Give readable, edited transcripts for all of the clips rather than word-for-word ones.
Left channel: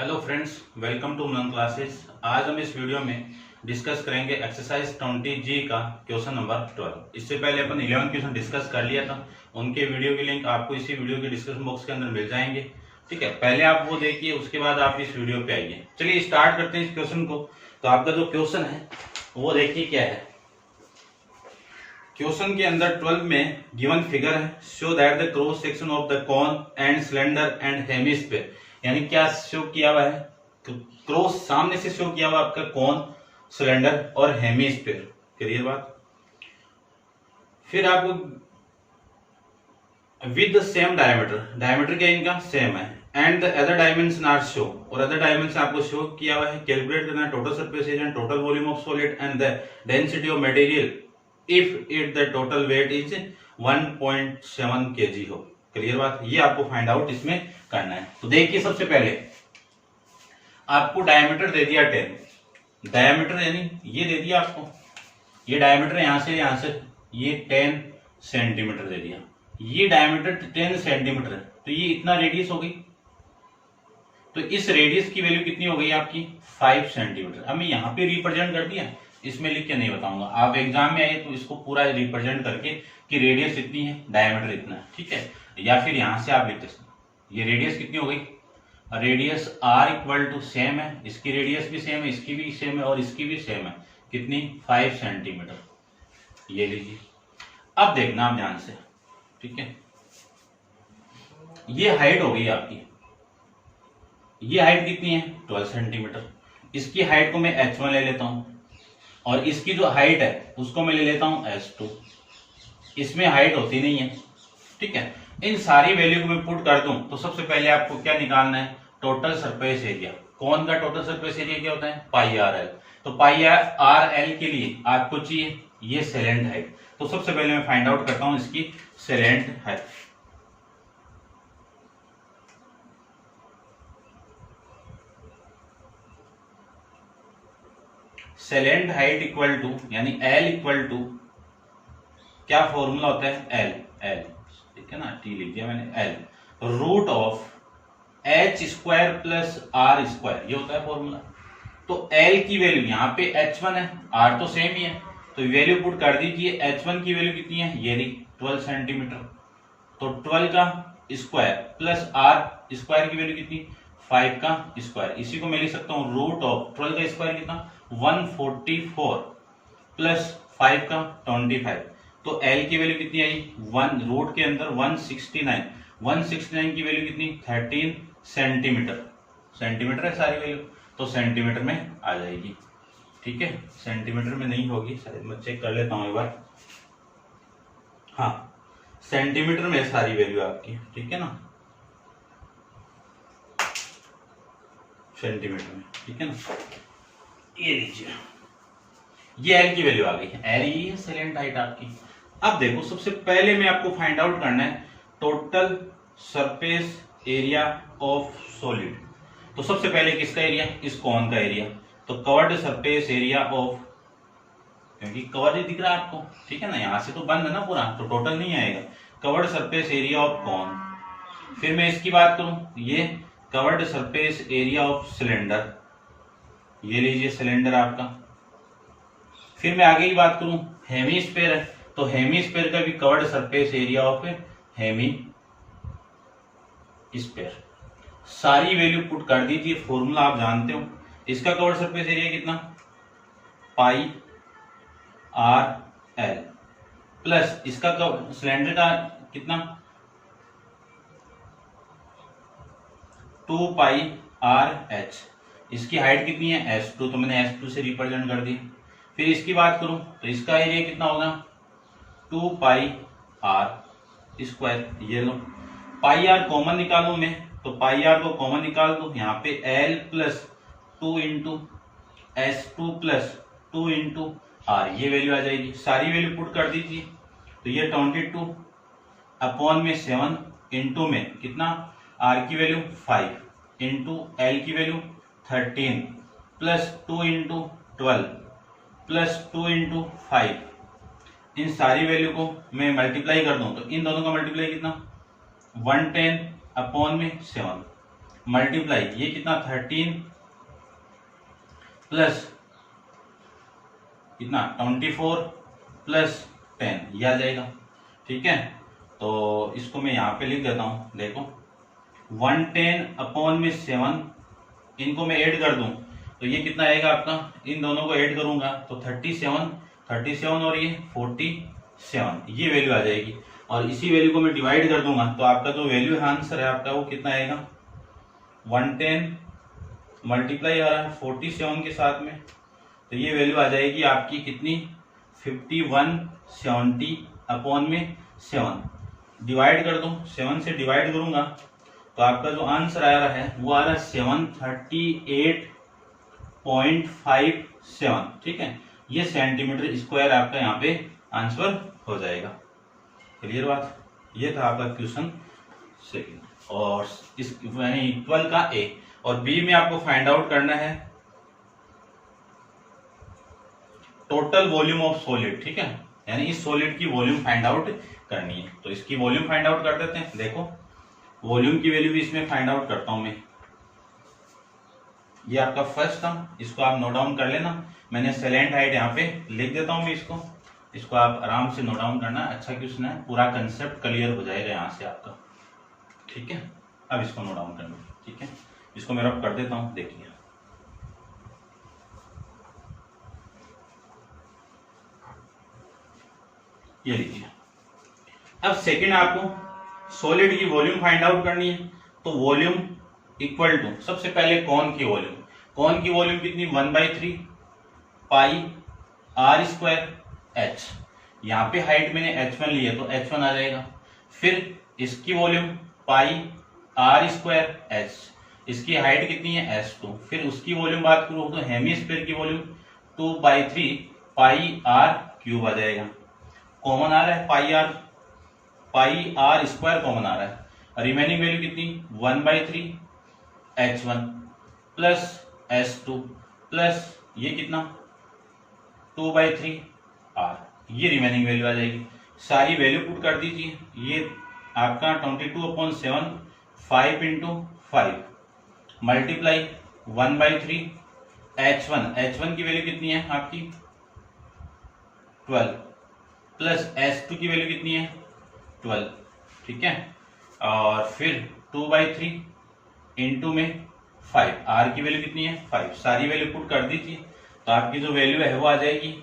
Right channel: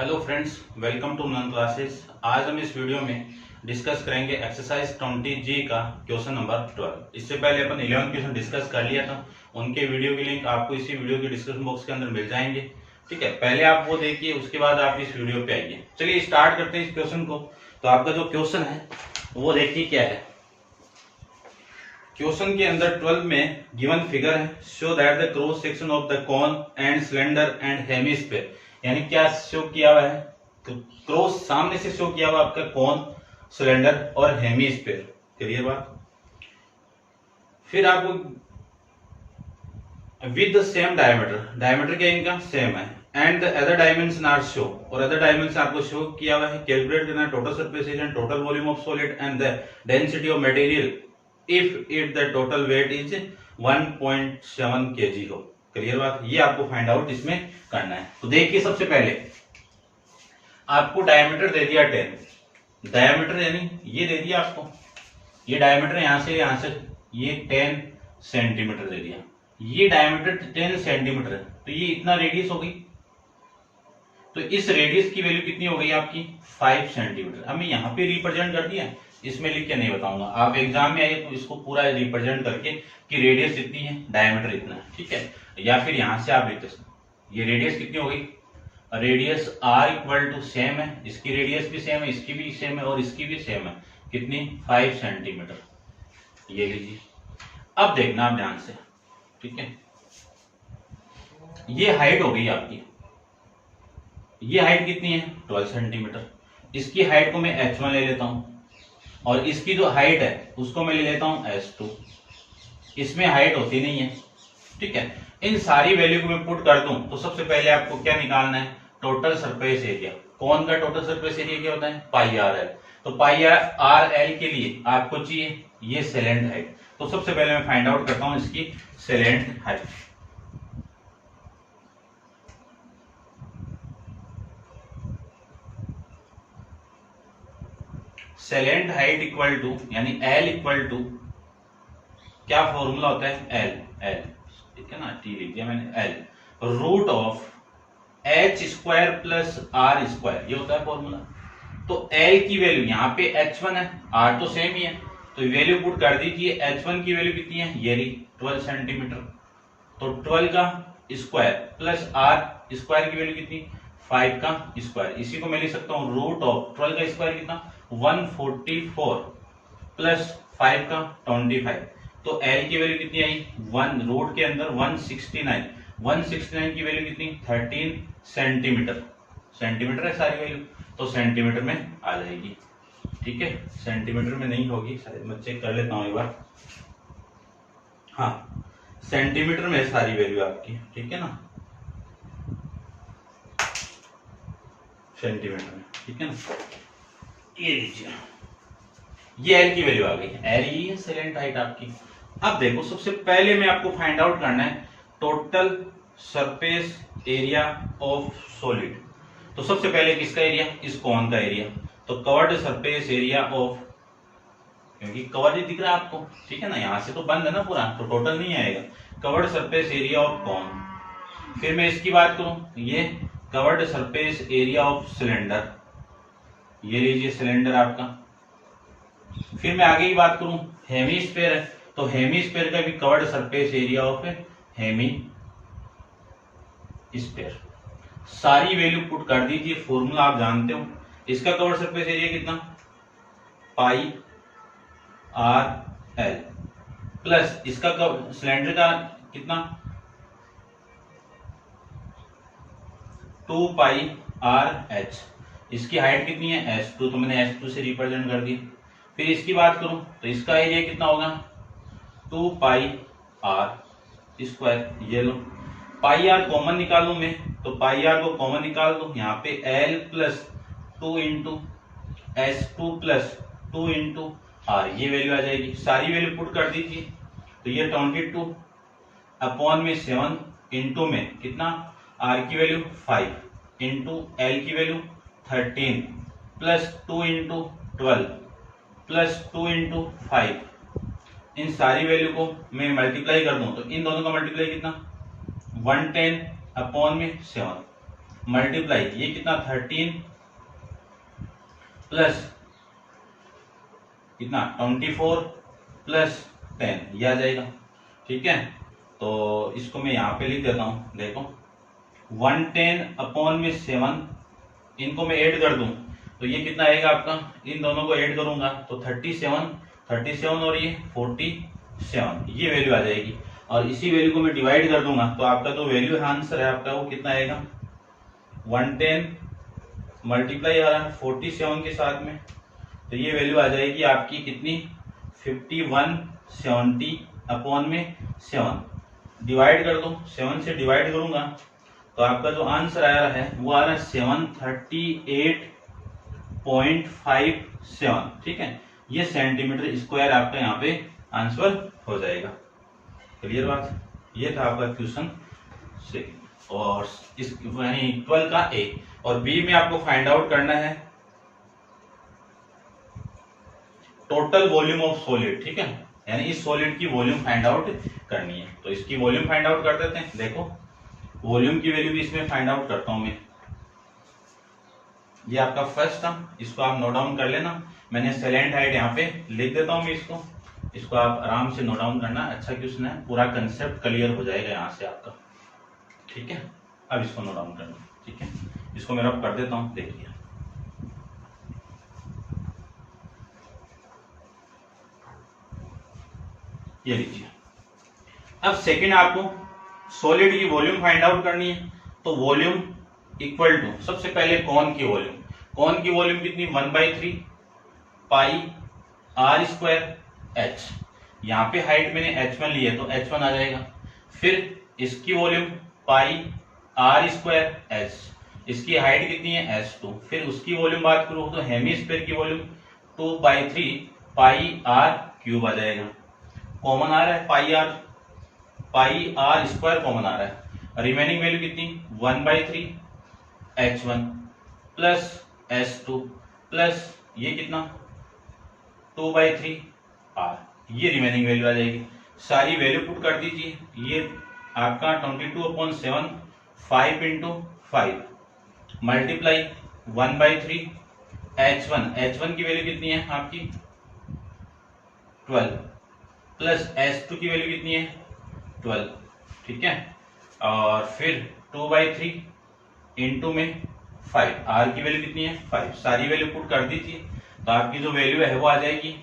Hello friends, welcome to नन classes. आज हम इस वीडियो में डिस्कस करेंगे एक्सरसाइज 20G का क्वेश्चन नंबर 12। इससे पहले अपन 11 क्वेश्चन डिस्कस कर लिया था। उनके वीडियो की लिंक आपको इसी वीडियो के डिस्क्रिप्शन बॉक्स के अंदर मिल जाएंगे। ठीक है, पहले आप वो देखिए, उसके बाद आप इस वीडियो पे आइए। चलिए स्टार्ट करते हैं इस क्वेश्चन को। तो आपका जो क्वेश्चन है वो देखिए क्या है। क्वेश्चन के अंदर 12 में गिवन फिगर है, show that the cross section of the cone and cylinder and hemisphere. यानी क्या शो किया हुआ है, क्रॉस सामने से शो किया हुआ आपका कॉन, सिलेंडर और हेमिस्फीयर। क्लियर बात। फिर आपको with the same diameter, diameter क्या इनका सेम है, and the other dimension are show, और अदर डायमेंशन आपको शो किया हुआ है। कैलकुलेट करना है total surface area and total volume of solid and the density of material if it the total weight is 1.7 kg हो। Clear बात। ये आपको फाइंड आउट इसमें करना है। तो देखिए, सबसे पहले आपको डायमीटर दे दिया 10, डायमीटर यानी ये दे दिया आपको, ये डायमीटर यहां से ये 10 सेंटीमीटर दे दिया। ये डायमीटर 10 सेंटीमीटर है, तो ये इतना रेडियस हो गई। तो इस रेडियस की वैल्यू कितनी हो गई आपकी 5 सेंटीमीटर। अब मैं यहाँ पे रिप्रेजेंट कर दिया, इसमें लिख के नहीं बताऊंगा। आप एग्जाम में आए तो इसको पूरा रिप्रेजेंट करके कि रेडियस इतनी है, डायमीटर इतना है। ठीक है, या फिर यहां से आप लिखते ये रेडियस कितनी हो गई, radius R equal to same है, इसकी रेडियस भी सेम है, इसकी भी सेम है और इसकी भी सेम है। कितनी 5 सेंटीमीटर। ये लीजिए, अब देखना आप ध्यान से। ठीक है, ये हाइट हो गई आपकी, ये हाइट कितनी है 12 सेंटीमीटर। इसकी हाइट को मैं h1 ले लेता हूं और इसकी जो हाइट है उसको मैं ले लेता हूं h2। इसमें हाइट होती नहीं है। ठीक है, इन सारी वैल्यू को मैं पुट कर दूं तो सबसे पहले आपको क्या निकालना है, टोटल सरफेस एरिया। कौन का टोटल सरफेस एरिया क्या होता है, पाई आर एल। तो पाई आर एल के लिए आपको चाहिए ये सेलेंट हाइट। तो सबसे पहले मैं फाइंड आउट करता हूं इसकी slant height. Slant height equal to यानी एल इक्वल टू क्या फॉर्मूला होता है, एल। ठीक है ना, टी लीजिए मैंने, L root of H square plus R square, ये होता है फॉर्मूला। तो एल की वैल्यू यहाँ पे h1 है, आर तो सेम ही है, तो वैल्यू पुट कर दीजिए। h1 की वैल्यू कितनी है, ये 12 सेंटीमीटर। तो 12 का स्क्वायर प्लस आर स्क्वायर की वैल्यू कितनी 5 का स्क्वायर। इसी को मैं लिख सकता हूँ रूट ऑफ 12 का स्क्वायर कितना 144 प्लस 5 का 25। तो L की वैल्यू कितनी आई, 1 रूट के अंदर 169 की वैल्यू कितनी 13 सेंटीमीटर। सेंटीमीटर है सारी वैल्यू, तो सेंटीमीटर में आ जाएगी। ठीक है, सेंटीमीटर में नहीं होगी शायद, मैं चेक कर लेता हूं एक बार। हाँ, सेंटीमीटर में सारी वैल्यू आपकी। ठीक है ना, सेंटीमीटर में। ठीक है ना, ये लीजिए, ये एल की वैल्यू आ गई। एल ही है सेलेंट हाइट आपकी। अब देखो, सबसे पहले में आपको फाइंड आउट करना है total surface area of solid. तो सबसे पहले किसका एरिया, इस कॉन का एरिया। तो कवर्ड सरफेस एरिया ऑफ, क्योंकि कवर ही दिख रहा है आपको। ठीक है ना, यहां से तो बंद है ना पूरा, तो टोटल नहीं आएगा। Curved surface area of cone. फिर मैं इसकी बात करूं, ये curved surface area of cylinder, ये लीजिए सिलेंडर आपका। फिर मैं आगे की बात करूं, हेमिस्फीयर है, तो हेमिस्फीयर का भी covered surface area of hemisphere. सारी वैल्यू पुट कर दीजिए, फॉर्मूला आप जानते हो। इसका कवर्ड सरफेस एरिया कितना पाई आर एल प्लस इसका सिलेंडर का कितना 2 पाई आर एच। इसकी हाइट कितनी है h2, तो मैंने h2 से रिप्रेजेंट कर दी। फिर इसकी बात करूं तो इसका एरिया कितना होगा 2 पाई आर स्क्वायर। ये लो, पाई आर कॉमन निकालू मैं, तो पाई आर को कॉमन निकाल दो। यहाँ पे l plus 2 into h2 plus 2 into R, ये वैल्यू आ जाएगी। सारी वैल्यू पुट कर दीजिए। तो ये 22 अपॉन में 7 इंटू में कितना आर की वैल्यू 5 इंटू एल की value 13 plus 2 into 12 plus 2 into 5। इन सारी वैल्यू को मैं मल्टीप्लाई कर दूं तो इन दोनों का मल्टीप्लाई कितना 110 अपॉन में 7। मल्टीप्लाई ये कितना 13 प्लस कितना 24 प्लस 10 ये आ जाएगा। ठीक है, तो इसको मैं यहाँ पे लिख देता हूँ। देखो 110 अपॉन में 7, इनको मैं ऐड कर दूं तो ये कितना आएगा आपका, इन दोनों को ऐड करूंगा तो 37 और ये 47 ये वैल्यू आ जाएगी। और इसी वैल्यू को मैं डिवाइड कर दूंगा तो आपका जो वैल्यू आंसर है आपका वो कितना आएगा, 110 मल्टीप्लाई आ रहा है 47 के साथ में, तो ये वैल्यू आ जाएगी आपकी कितनी 5170 अपॉन में 7। डिवाइड कर दो, 7 से डिवाइड करूंगा तो आपका जो आंसर आ रहा है वो आ रहा है 738.57। ठीक है, ये सेंटीमीटर स्क्वायर आपका यहाँ पे आंसर हो जाएगा। क्लियर बात, ये था आपका क्वेश्चन सेकंड और इस यानी 12 का ए। और बी में आपको फाइंड आउट करना है टोटल वॉल्यूम ऑफ सॉलिड। ठीक है, यानी इस सॉलिड की वॉल्यूम फाइंड आउट करनी है, तो इसकी वॉल्यूम फाइंड आउट कर देते हैं। देखो वॉल्यूम की वैल्यू भी इसमें फाइंड आउट करता हूं मैं। ये आपका फर्स्ट था, इसको आप नोट डाउन कर लेना। मैंने सेलेंट हाइट यहाँ पे लिख देता हूं मैं इसको आप आराम से नोट डाउन करना। अच्छा क्वेश्चन है, पूरा कंसेप्ट क्लियर हो जाएगा यहाँ से आपका। ठीक है, अब इसको नोट डाउन करना। ठीक है, इसको मैं रब कर देता हूँ, देखिए ये लीजिए। अब सेकंड आपको सॉलिड की वॉल्यूम फाइंड आउट करनी है, तो वॉल्यूम इक्वल टू सबसे पहले कौन की वॉल्यूम कितनी 1/3 पाई आर स्क्वायर एच। यहाँ पे हाइट मैंने h1 ली है तो h1 आ जाएगा। फिर इसकी volume pi are square H, इसकी हाइट कितनी है h2। फिर उसकी वॉल्यूम बात करूं तो हेमिस्फीयर की वॉल्यूम 2/3 पाई आर क्यूब आ जाएगा। कॉमन आ रहा है पाई आर स्क्वायर कॉमन आ रहा है। रिमेनिंग वैल्यू कितनी 1/3 h1 प्लस h2 प्लस ये कितना 2/3 r, ये रिमेनिंग वैल्यू आ जाएगी। सारी वैल्यू पुट कर दीजिए। ये आपका 22/7 5 × 5 मल्टीप्लाई 1/3 h1 की वैल्यू कितनी है आपकी 12 प्लस h2 की वैल्यू कितनी है 12। ठीक है, और फिर 2/3 इंटू में 5, r की वैल्यू कितनी है 5। सारी वैल्यू पुट कर दीजिए तो आपकी जो वैल्यू है वो आ जाएगी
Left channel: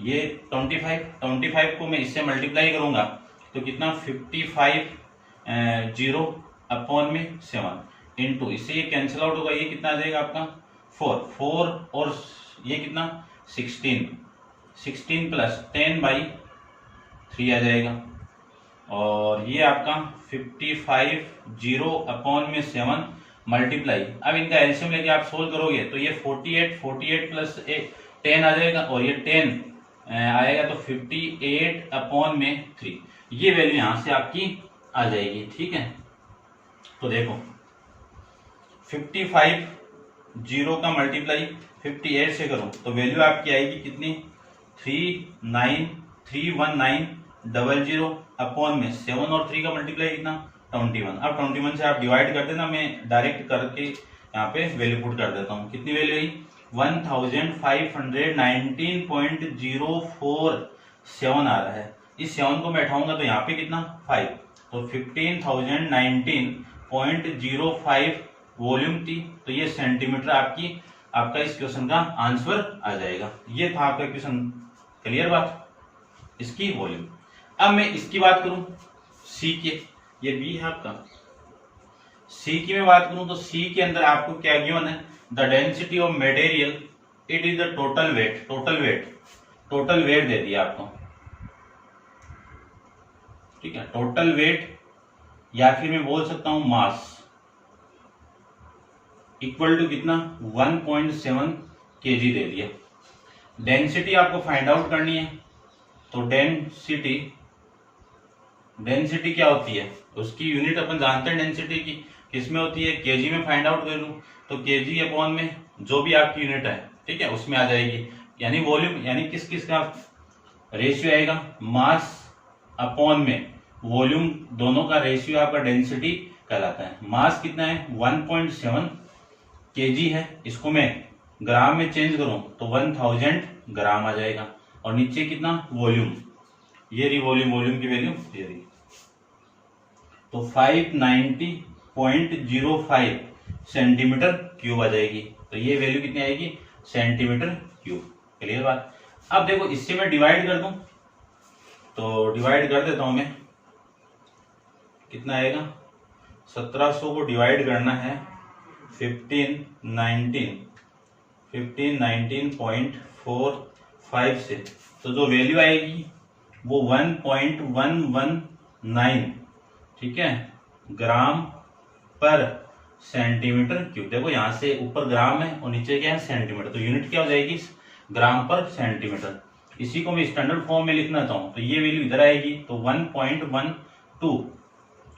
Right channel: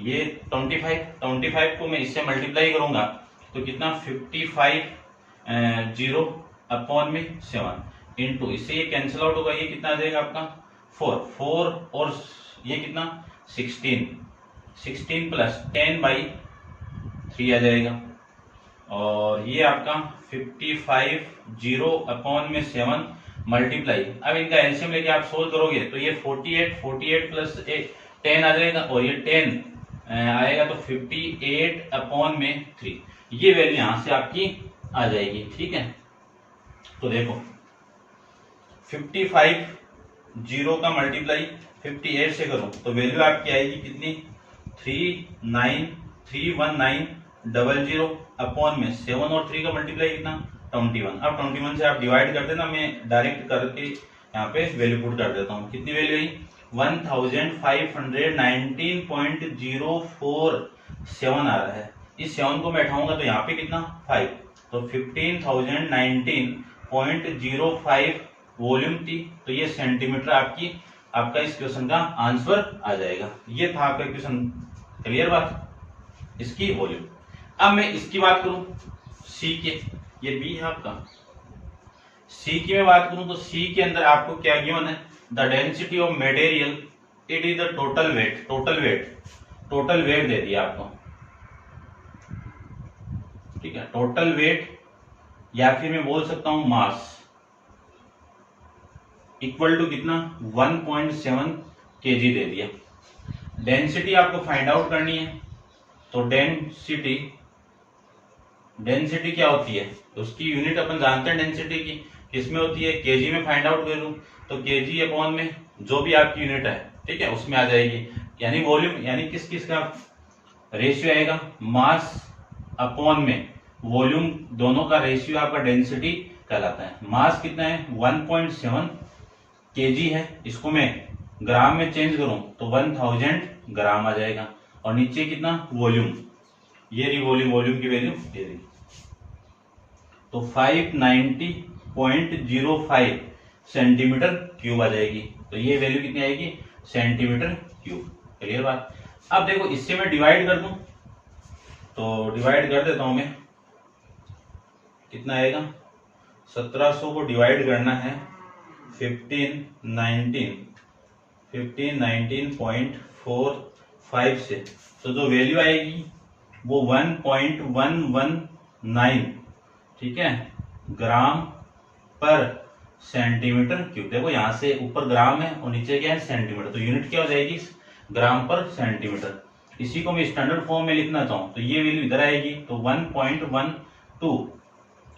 ये 25 को मैं इससे मल्टीप्लाई करूंगा तो कितना 55 0 अपॉन में 7 इंटू इससे ये कैंसिल आउट होगा, ये कितना आ जाएगा आपका 4 और ये कितना 16 प्लस 10/3 आ जाएगा। और ये आपका 55 0 अपॉन में 7 मल्टीप्लाई, अब इनका एलसीएम लेके आप सोल्व करोगे तो ये 48 प्लस 10 आ जाएगा और ये 10 आएगा तो 58 अपॉन में 3, ये वैल्यू यहां से आपकी आ जाएगी। ठीक है, तो देखो 55 0 का मल्टीप्लाई 58 से करो तो वैल्यू आपकी आएगी कितनी 3931900 अपॉन में 7 और 3 का मल्टीप्लाई कितना 21। अब 21 से आप डिवाइड कर देना, मैं डायरेक्ट करके यहाँ पे वैल्यू पुट कर देता हूँ। कितनी वैल्यू हुई 1519.047 आ रहा है। इस 7 को मैं उठाऊंगा तो यहाँ पे कितना 5, तो 15,019.05 वॉल्यूम थी, तो ये सेंटीमीटर आपका इस क्वेश्चन का आंसर आ जाएगा। ये था आपका क्वेश्चन। क्लियर बात, इसकी वॉल्यूम। अब मैं इसकी बात करूं सी के, ये बी है आपका। सी की मैं बात करूं तो सी के अंदर आपको क्या गिवन है, the density of material it is the total weight दे दिया आपको। ठीक है, टोटल वेट या फिर मैं बोल सकता हूं मास इक्वल टू कितना 1.7 kg दे दिया। डेंसिटी आपको फाइंड आउट करनी है, तो डेंसिटी क्या होती है, उसकी यूनिट अपन जानते हैं डेंसिटी की किसमें होती है, केजी में फाइंड आउट करूं तो केजी अपॉन में जो भी आपकी यूनिट है, ठीक है, उसमें आ जाएगी। यानी वॉल्यूम, यानी किस का रेशियो आएगा, मास अपॉन में वॉल्यूम, दोनों का रेशियो आपका डेंसिटी कहलाता है। मास कितना है 1.7 kg है, इसको मैं ग्राम में चेंज करूं तो 1000 ग्राम आ जाएगा। और नीचे कितना वॉल्यूम, ये रही वॉल्यूम की वैल्यू ये रही, तो 590.05 सेंटीमीटर क्यूब आ जाएगी। तो ये वैल्यू कितनी आएगी सेंटीमीटर क्यूब। क्लियर बात। अब देखो इससे मैं डिवाइड कर दूं तो डिवाइड कर देता हूं मैं, कितना आएगा 1700 को डिवाइड करना है 1519.45 से, तो जो वैल्यू आएगी वो 1.119 ठीक है ग्राम पर सेंटीमीटर क्यूब। देखो यहां से ऊपर ग्राम है और नीचे क्या है सेंटीमीटर, तो यूनिट क्या हो जाएगी ग्राम पर सेंटीमीटर। इसी को मैं स्टैंडर्ड फॉर्म में लिखना चाहूं तो ये वैल्यू इधर आएगी, तो 1.12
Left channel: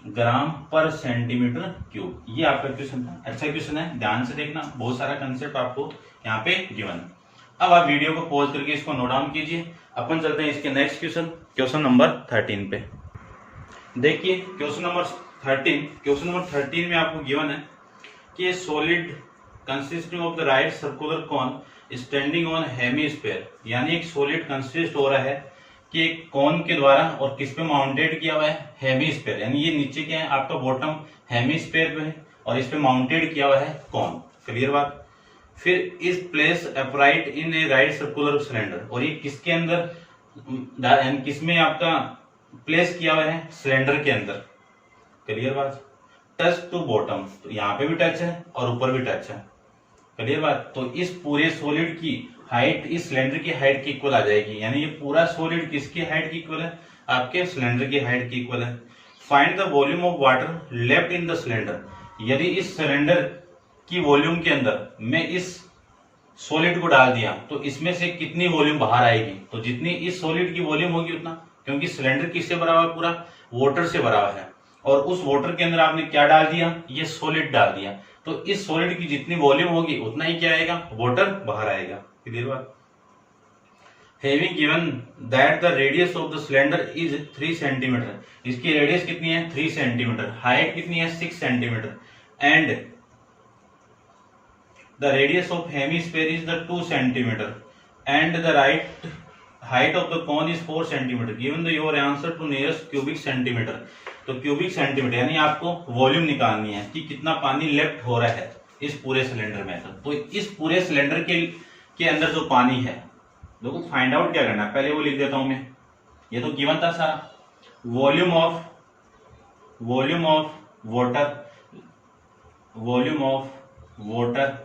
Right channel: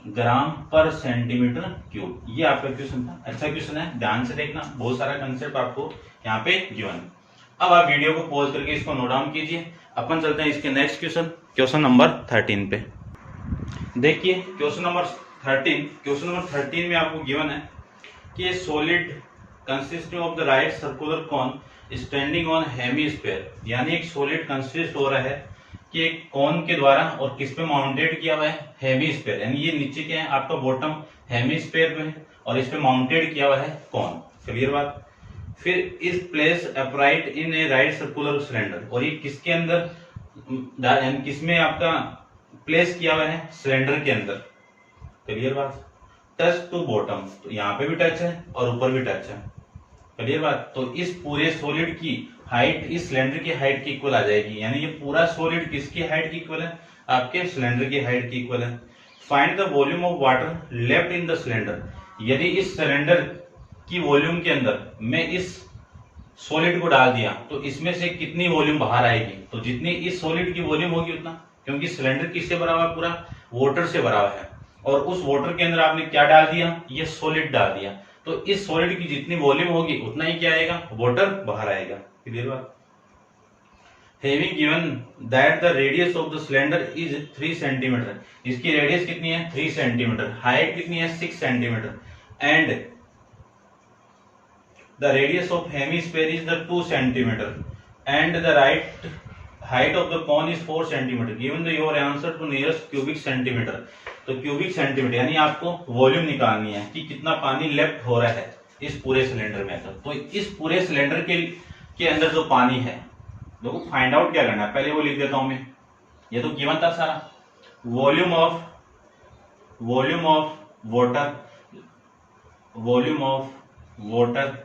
ग्राम पर सेंटीमीटर क्यूब। ये आपका क्वेश्चन था, अच्छा क्वेश्चन है, ध्यान से देखना, बहुत सारा कंसेप्ट आपको यहाँ पे गिवन है। अब आप वीडियो को पॉज करके इसको नोट डाउन कीजिए। अपन चलते हैं इसके नेक्स्ट क्वेश्चन नंबर 13 पे। देखिए क्वेश्चन नंबर 13 में आपको गिवन है कि solid consisting of the right circular cone standing on hemisphere, यानी एक सॉलिड कंसिस्ट हो रहा है कि एक कॉन के द्वारा और किस पे माउंटेड किया हुआ है हेमीस्फीयर, यानी ये नीचे क्या है आपका बॉटम हेमीस्फीयर में है और इस पे माउंटेड किया हुआ है कॉन। क्लियर बात। फिर इस प्लेस अपराइट इन ए राइट सर्कुलर सिलेंडर, और ये किसके अंदर किसमें आपका प्लेस किया हुआ है सिलेंडर के अंदर। क्लियर बात। टच टू बॉटम, तो यहाँ पे भी टच है और ऊपर भी टच है। क्लियर बात। तो इस पूरे सॉलिड की हाइट इस सिलेंडर की हाइट की इक्वल आ जाएगी, यानी ये पूरा सॉलिड किसकी हाइट की इक्वल है आपके सिलेंडर की हाइट की इक्वल है। Find the volume of water left in the cylinder, यदि इस सिलेंडर की वॉल्यूम के अंदर मैं इस सॉलिड को डाल दिया तो इसमें से कितनी वॉल्यूम बाहर आएगी, तो जितनी इस सॉलिड की वॉल्यूम होगी उतना, क्योंकि सिलेंडर किससे भरा हुआ है पूरा वाटर से भरा हुआ है, और उस वाटर के अंदर आपने क्या डाल दिया ये सॉलिड डाल दिया, तो इस सॉलिड की जितनी वॉल्यूम होगी उतना ही क्या आएगा वाटर बाहर आएगा। क्लियर बात। Having given that the radius of the cylinder is 3 centimetre, इसकी रेडियस कितनी है 3 सेंटीमीटर, हाइट कितनी है 6 centimetre, and the radius of hemisphere is the 2 centimeter and the right height of the cone is 4 centimeter, given the your answer to nearest cubic centimeter, तो cubic centimetre यानी आपको volume निकालनी है कि कितना पानी लेफ्ट हो रहा है इस पूरे सिलेंडर में। तो इस पूरे सिलेंडर के अंदर जो पानी है देखो फाइंड आउट क्या करना है, पहले वो लिख देता हूं मैं, ये तो गिवन था सारा। Volume of water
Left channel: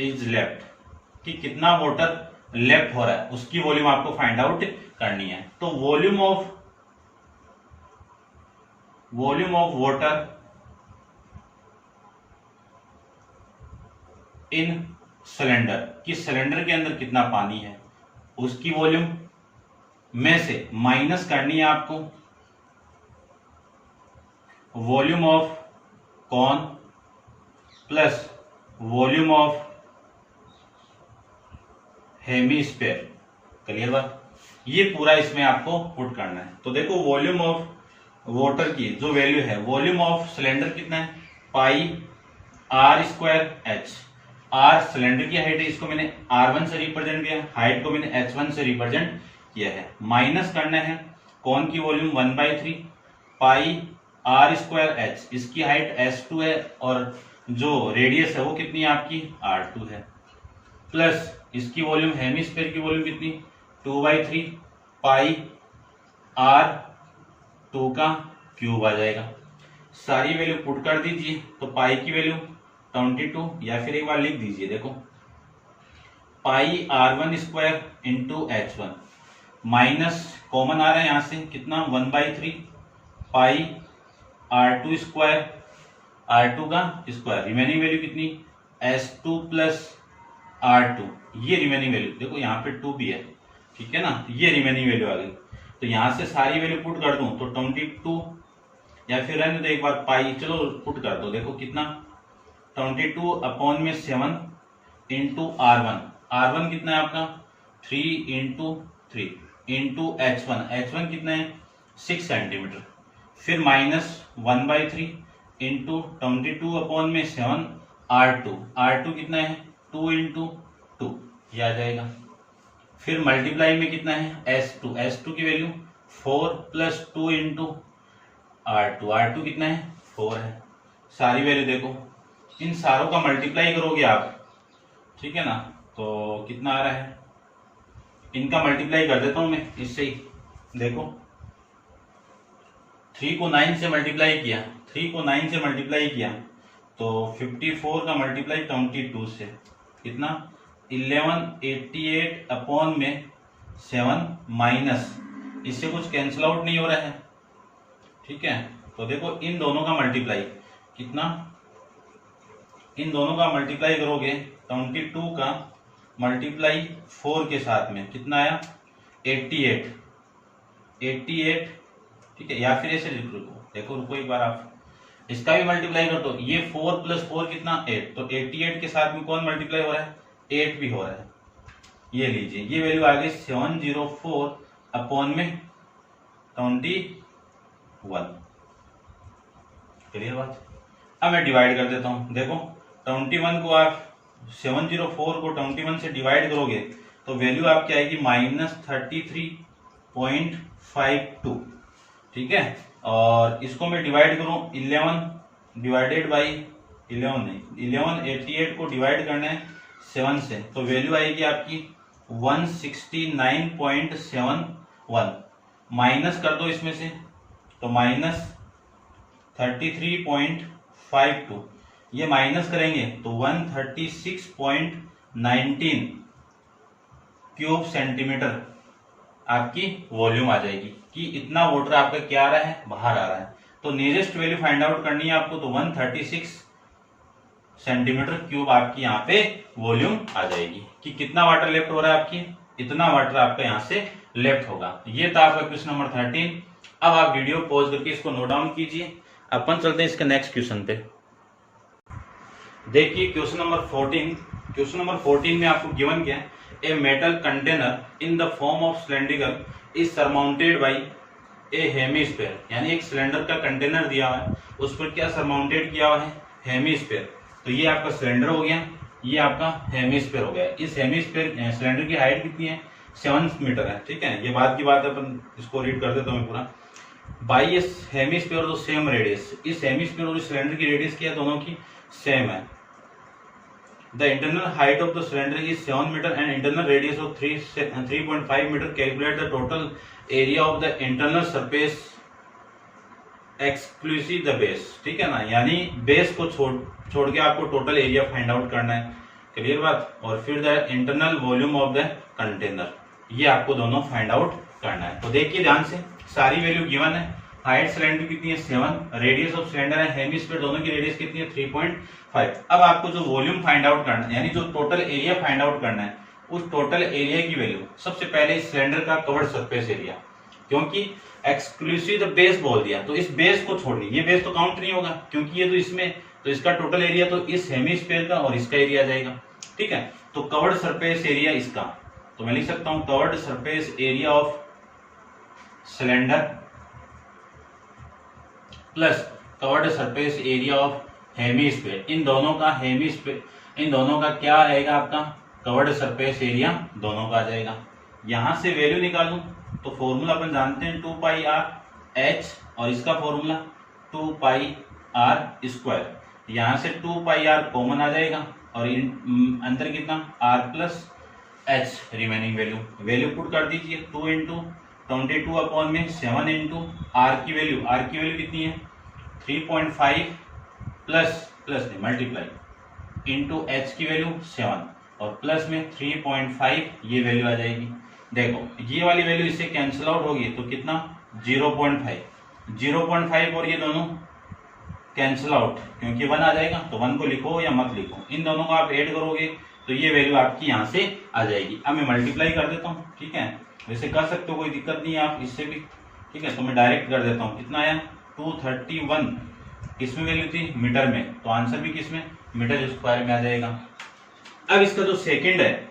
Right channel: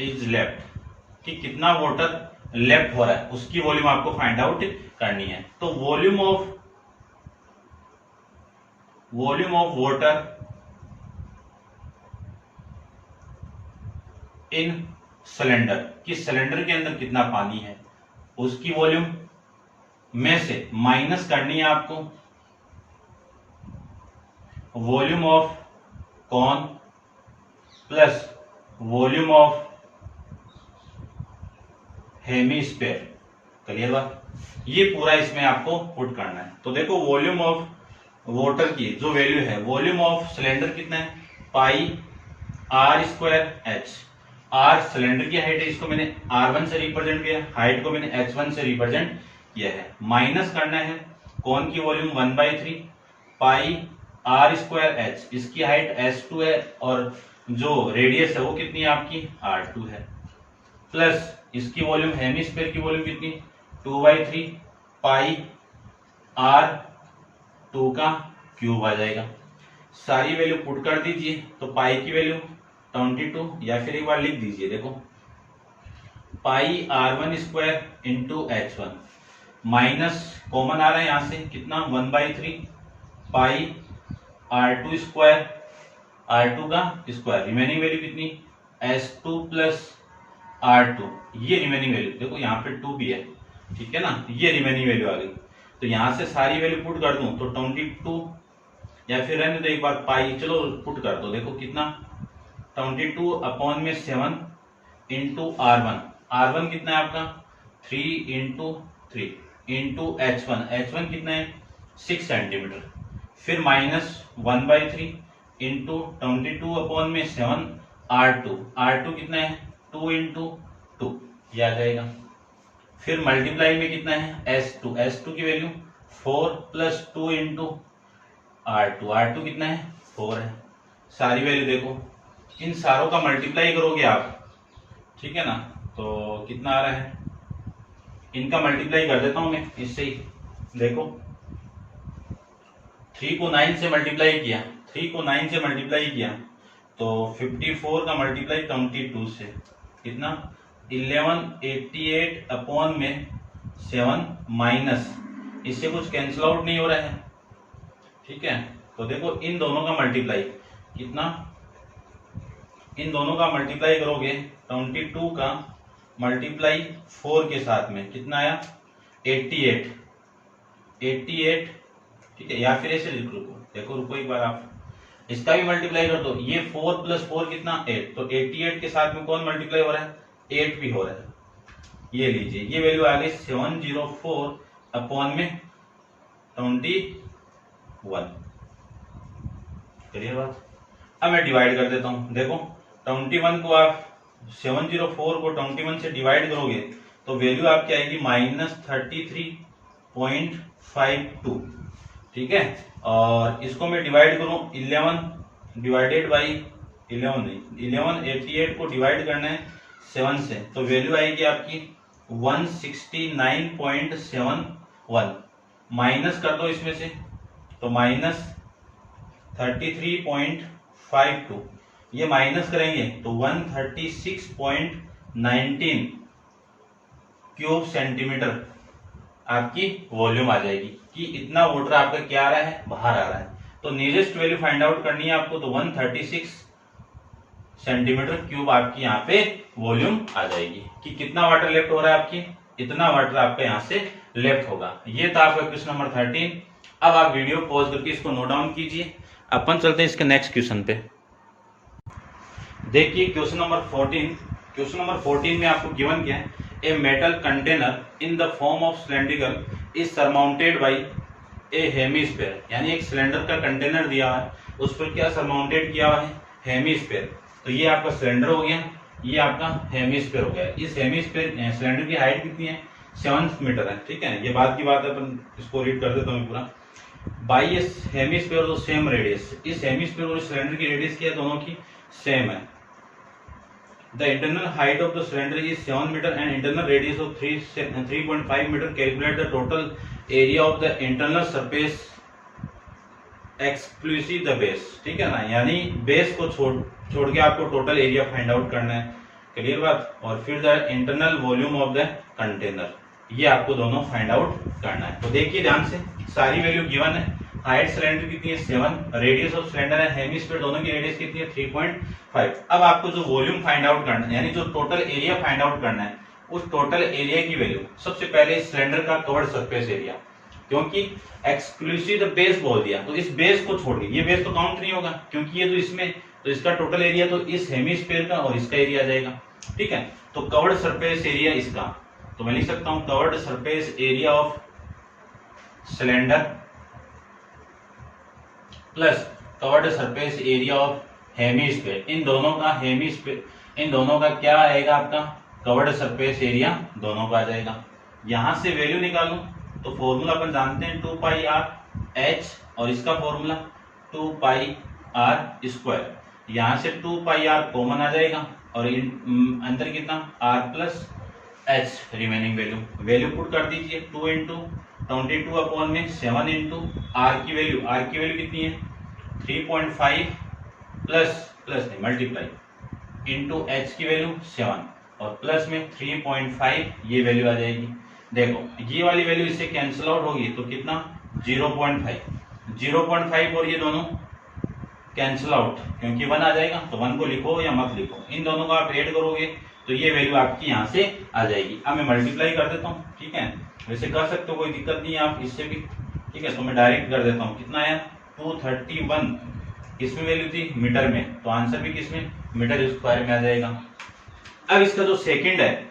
is left, कि कितना वाटर लेफ्ट हो रहा है उसकी वॉल्यूम आपको फाइंड आउट करनी है। तो volume of water in cylinder, कि सिलेंडर के अंदर कितना पानी है उसकी वॉल्यूम में से माइनस करनी है आपको volume of cone plus volume of hemisphere. Clear बात। ये पूरा इसमें आपको पुट करना है। तो देखो वॉल्यूम ऑफ वाटर की जो वैल्यू है, वॉल्यूम ऑफ सिलेंडर कितना है pi are square H, R cylinder की हाइट है, इसको मैंने R1 से रिप्रेजेंट किया, हाइट को मैंने H1 से रिप्रेजेंट किया है, माइनस करना है कौन की volume 1/3 pi are square H, इसकी हाइट S2 है और जो रेडियस है वो कितनी है आपकी R2 है, प्लस इसकी वॉल्यूम हेमिस्फीयर की वॉल्यूम कितनी 2/3 पाई R2 का क्यूब आ जाएगा। सारी वैल्यू पुट कर दीजिए, तो पाई की वैल्यू 22, या फिर एक बार लिख दीजिए, देखो pi R1 square into H1 minus common आ रहा है यहां से कितना 1/3 पाई R2 स्क्वायर, R2 का स्क्वायर, रिमेनिंग वैल्यू कितनी S2 प्लस R2, ये रिमेनिंग वैल्यू देखो यहाँ पे 2 भी है, ठीक है ना, ये रिमेनिंग वैल्यू आ गई। तो यहां से सारी वैल्यू पुट कर दूं तो 22, या फिर रहने दो एक बार पाई, चलो पुट कर दो, देखो कितना 22 अपॉन में 7 इंटू R1 कितना है आपका 3 इंटू 3 इंटू H1 कितना है 6 सेंटीमीटर, फिर -1/3 इंटू 22/7 R2, R2 कितना है 2 इंटू 2, ये आ जाएगा। फिर मल्टीप्लाई में कितना है S2, S2 की वैल्यू 4 + 2 इंटू R2, R2 कितना है 4 है। सारी वैल्यू देखो, इन सारों का मल्टीप्लाई करोगे आप, ठीक है ना, तो कितना आ रहा है, इनका मल्टीप्लाई कर देता हूं मैं इससे ही। देखो 3 को 9 से मल्टीप्लाई किया, 3 को 9 से मल्टीप्लाई किया तो 54 का मल्टीप्लाई 22 से कितना 1188/7 माइनस, इससे कुछ कैंसिल आउट नहीं हो रहा है, ठीक है। तो देखो इन दोनों का मल्टीप्लाई कितना, इन दोनों का मल्टीप्लाई करोगे 22 का मल्टीप्लाई 4 के साथ में कितना आया 88, ठीक है। या फिर ऐसे लिख देखो रुको एक बार, आप इसका भी मल्टीप्लाई कर दो, ये 4 + 4 कितना 8, तो 88 के साथ में कौन मल्टीप्लाई हो रहा है 8 भी हो रहा है। ये लीजिए, ये वैल्यू आ गई 704/21, चलिए बात। अब मैं डिवाइड कर देता हूं, देखो 21 को आप 704 को 21 से डिवाइड करोगे तो वैल्यू आपकी आएगी -33.52, ठीक है। और इसको मैं डिवाइड करूं 11 डिवाइडेड बाई 11 नहीं, 1188 को डिवाइड करना है 7 से, तो वैल्यू आएगी आपकी 169.71, माइनस कर दो इसमें से तो -33.52, ये माइनस करेंगे तो 136.19 क्यूब सेंटीमीटर आपकी वॉल्यूम आ जाएगी, कि इतना वाटर आपका क्या आ रहा है बाहर आ रहा है। तो नियरेस्ट वैल्यू फाइंड आउट करनी है आपको, तो 136 सेंटीमीटर क्यूब आपकी यहाँ पे वॉल्यूम आ जाएगी, कि कितना वाटर लेफ्ट हो रहा है आपकी, इतना वाटर आपका यहाँ से लेफ्ट होगा। ये था आपका क्वेश्चन नंबर 13। अब आप वीडियो पॉज करके इसको नोट डाउन कीजिए, अपन चलते हैं इसके नेक्स्ट क्वेश्चन पे। देखिए क्वेश्चन नंबर 14, क्वेश्चन नंबर 14 में आपको गिवन क्या है, a metal container in the form of cylindrical is surmounted by A hemisphere, यानी एक सिलेंडर का कंटेनर दिया हुआ है, उस पर क्या सरमाउंटेड किया हुआ है हेमिस्फीयर। तो ये आपका सिलेंडर हो गया, ये आपका हेमिस्फीयर हो गया। इस हेमिस्फीयर सिलेंडर की हाइट कितनी है 7 मीटर है, ठीक है। ये बात की बात है, अपन इसको रीड कर देता हूँ पूरा। बाई ए हेमिस्फीयर तो सेम रेडियस, इस हेमिस्फीयर और सिलेंडर की रेडियस क्या है दोनों की सेम है। The internal height of the cylinder is 7 meter and internal radius of 3.5 meter. Calculate the total area of the internal surface exclusive the base, ठीक है ना, यानी बेस को छोड़ के आपको टोटल एरिया फाइंड आउट करना है, क्लियर बात। और फिर the internal volume of the container, ये आपको दोनों फाइंड आउट करना है। तो देखिए ध्यान से, सारी वैल्यू गिवन है। हाइट सिलेंडर कितनी है 7, रेडियस ऑफ सिलेंडर है हेमिस्फीयर, दोनों की रेडियस कितनी है 3.5। अब आपको जो वॉल्यूम फाइंड आउट करना है, यानी जो टोटल एरिया फाइंड आउट करना है, उस टोटल एरिया की वैल्यू सबसे पहले इस सिलेंडर का कवर्ड सरफेस एरिया, क्योंकि एक्सक्लूसिव द बेस बोल दिया तो इस बेस को छोड़ के, ये बेस तो काउंट नहीं होगा क्योंकि ये तो इसमें, तो इसका टोटल एरिया तो इस हेमिस्फीयर का और इसका एरिया आ जाएगा, ठीक है। तो कवर्ड सरफेस एरिया इसका, तो मैं लिख सकता हूं curved surface area of cylinder plus curved surface area of hemisphere, इन दोनों का हेमिस्फीयर, इन दोनों का क्या आएगा आपका कवर्ड सरफेस एरिया दोनों का आ जाएगा। यहां से वैल्यू निकालूं तो फॉर्मूला अपन जानते हैं 2πr/h और इसका फॉर्मूला 2πr²। यहां से 2πr कॉमन आ जाएगा और अंदर कितना r+h रिमेनिंग वैल्यू पुट कर दीजिए। 2 इंटू 22/7 इंटू r की वैल्यू कितनी है 3.5 प्लस मल्टीप्लाई इंटू h की वैल्यू 7 और प्लस में 3.5, ये वैल्यू आ जाएगी। देखो ये वाली वैल्यू इससे कैंसिल आउट होगी तो कितना 0.5 और ये दोनों कैंसिल आउट, क्योंकि 1 आ जाएगा तो 1 को लिखो या मत लिखो, इन दोनों को आप ऐड करोगे तो ये वैल्यू आपकी यहाँ से आ जाएगी। अब मैं मल्टीप्लाई कर देता हूँ, ठीक है, वैसे कर सकते हो कोई दिक्कत नहीं है आप इससे भी, ठीक है। तो मैं डायरेक्ट कर देता हूँ, कितना आया 231, किसमें वैल्यू थी मीटर में, तो आंसर भी किसमें मीटर स्क्वायर में आ जाएगा। अब इसका जो सेकंड है,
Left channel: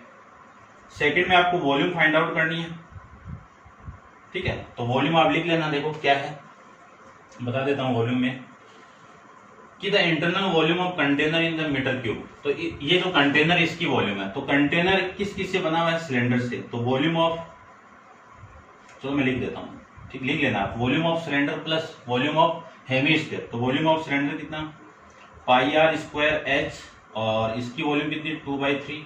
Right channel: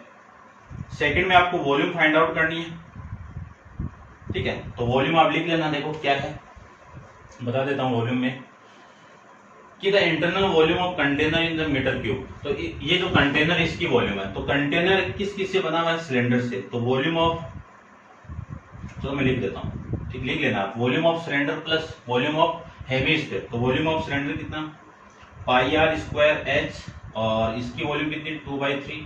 सेकंड में आपको वॉल्यूम फाइंड आउट करनी है, ठीक है। तो वॉल्यूम आप लिख लेना, देखो क्या है बता देता हूँ वॉल्यूम में कि the internal volume of container in the metre cube. तो ये जो कंटेनर इसकी वॉल्यूम है, तो कंटेनर किस किस से बना हुआ है, सिलेंडर से। तो वॉल्यूम ऑफ, चलो मैं लिख देता हूँ, ठीक, लिख लेना आप, volume of cylinder plus volume of hemisphere. तो वॉल्यूम ऑफ सिलेंडर कितना, पाई आर स्क्वायर एच, और इसकी वॉल्यूम कितनी 2/3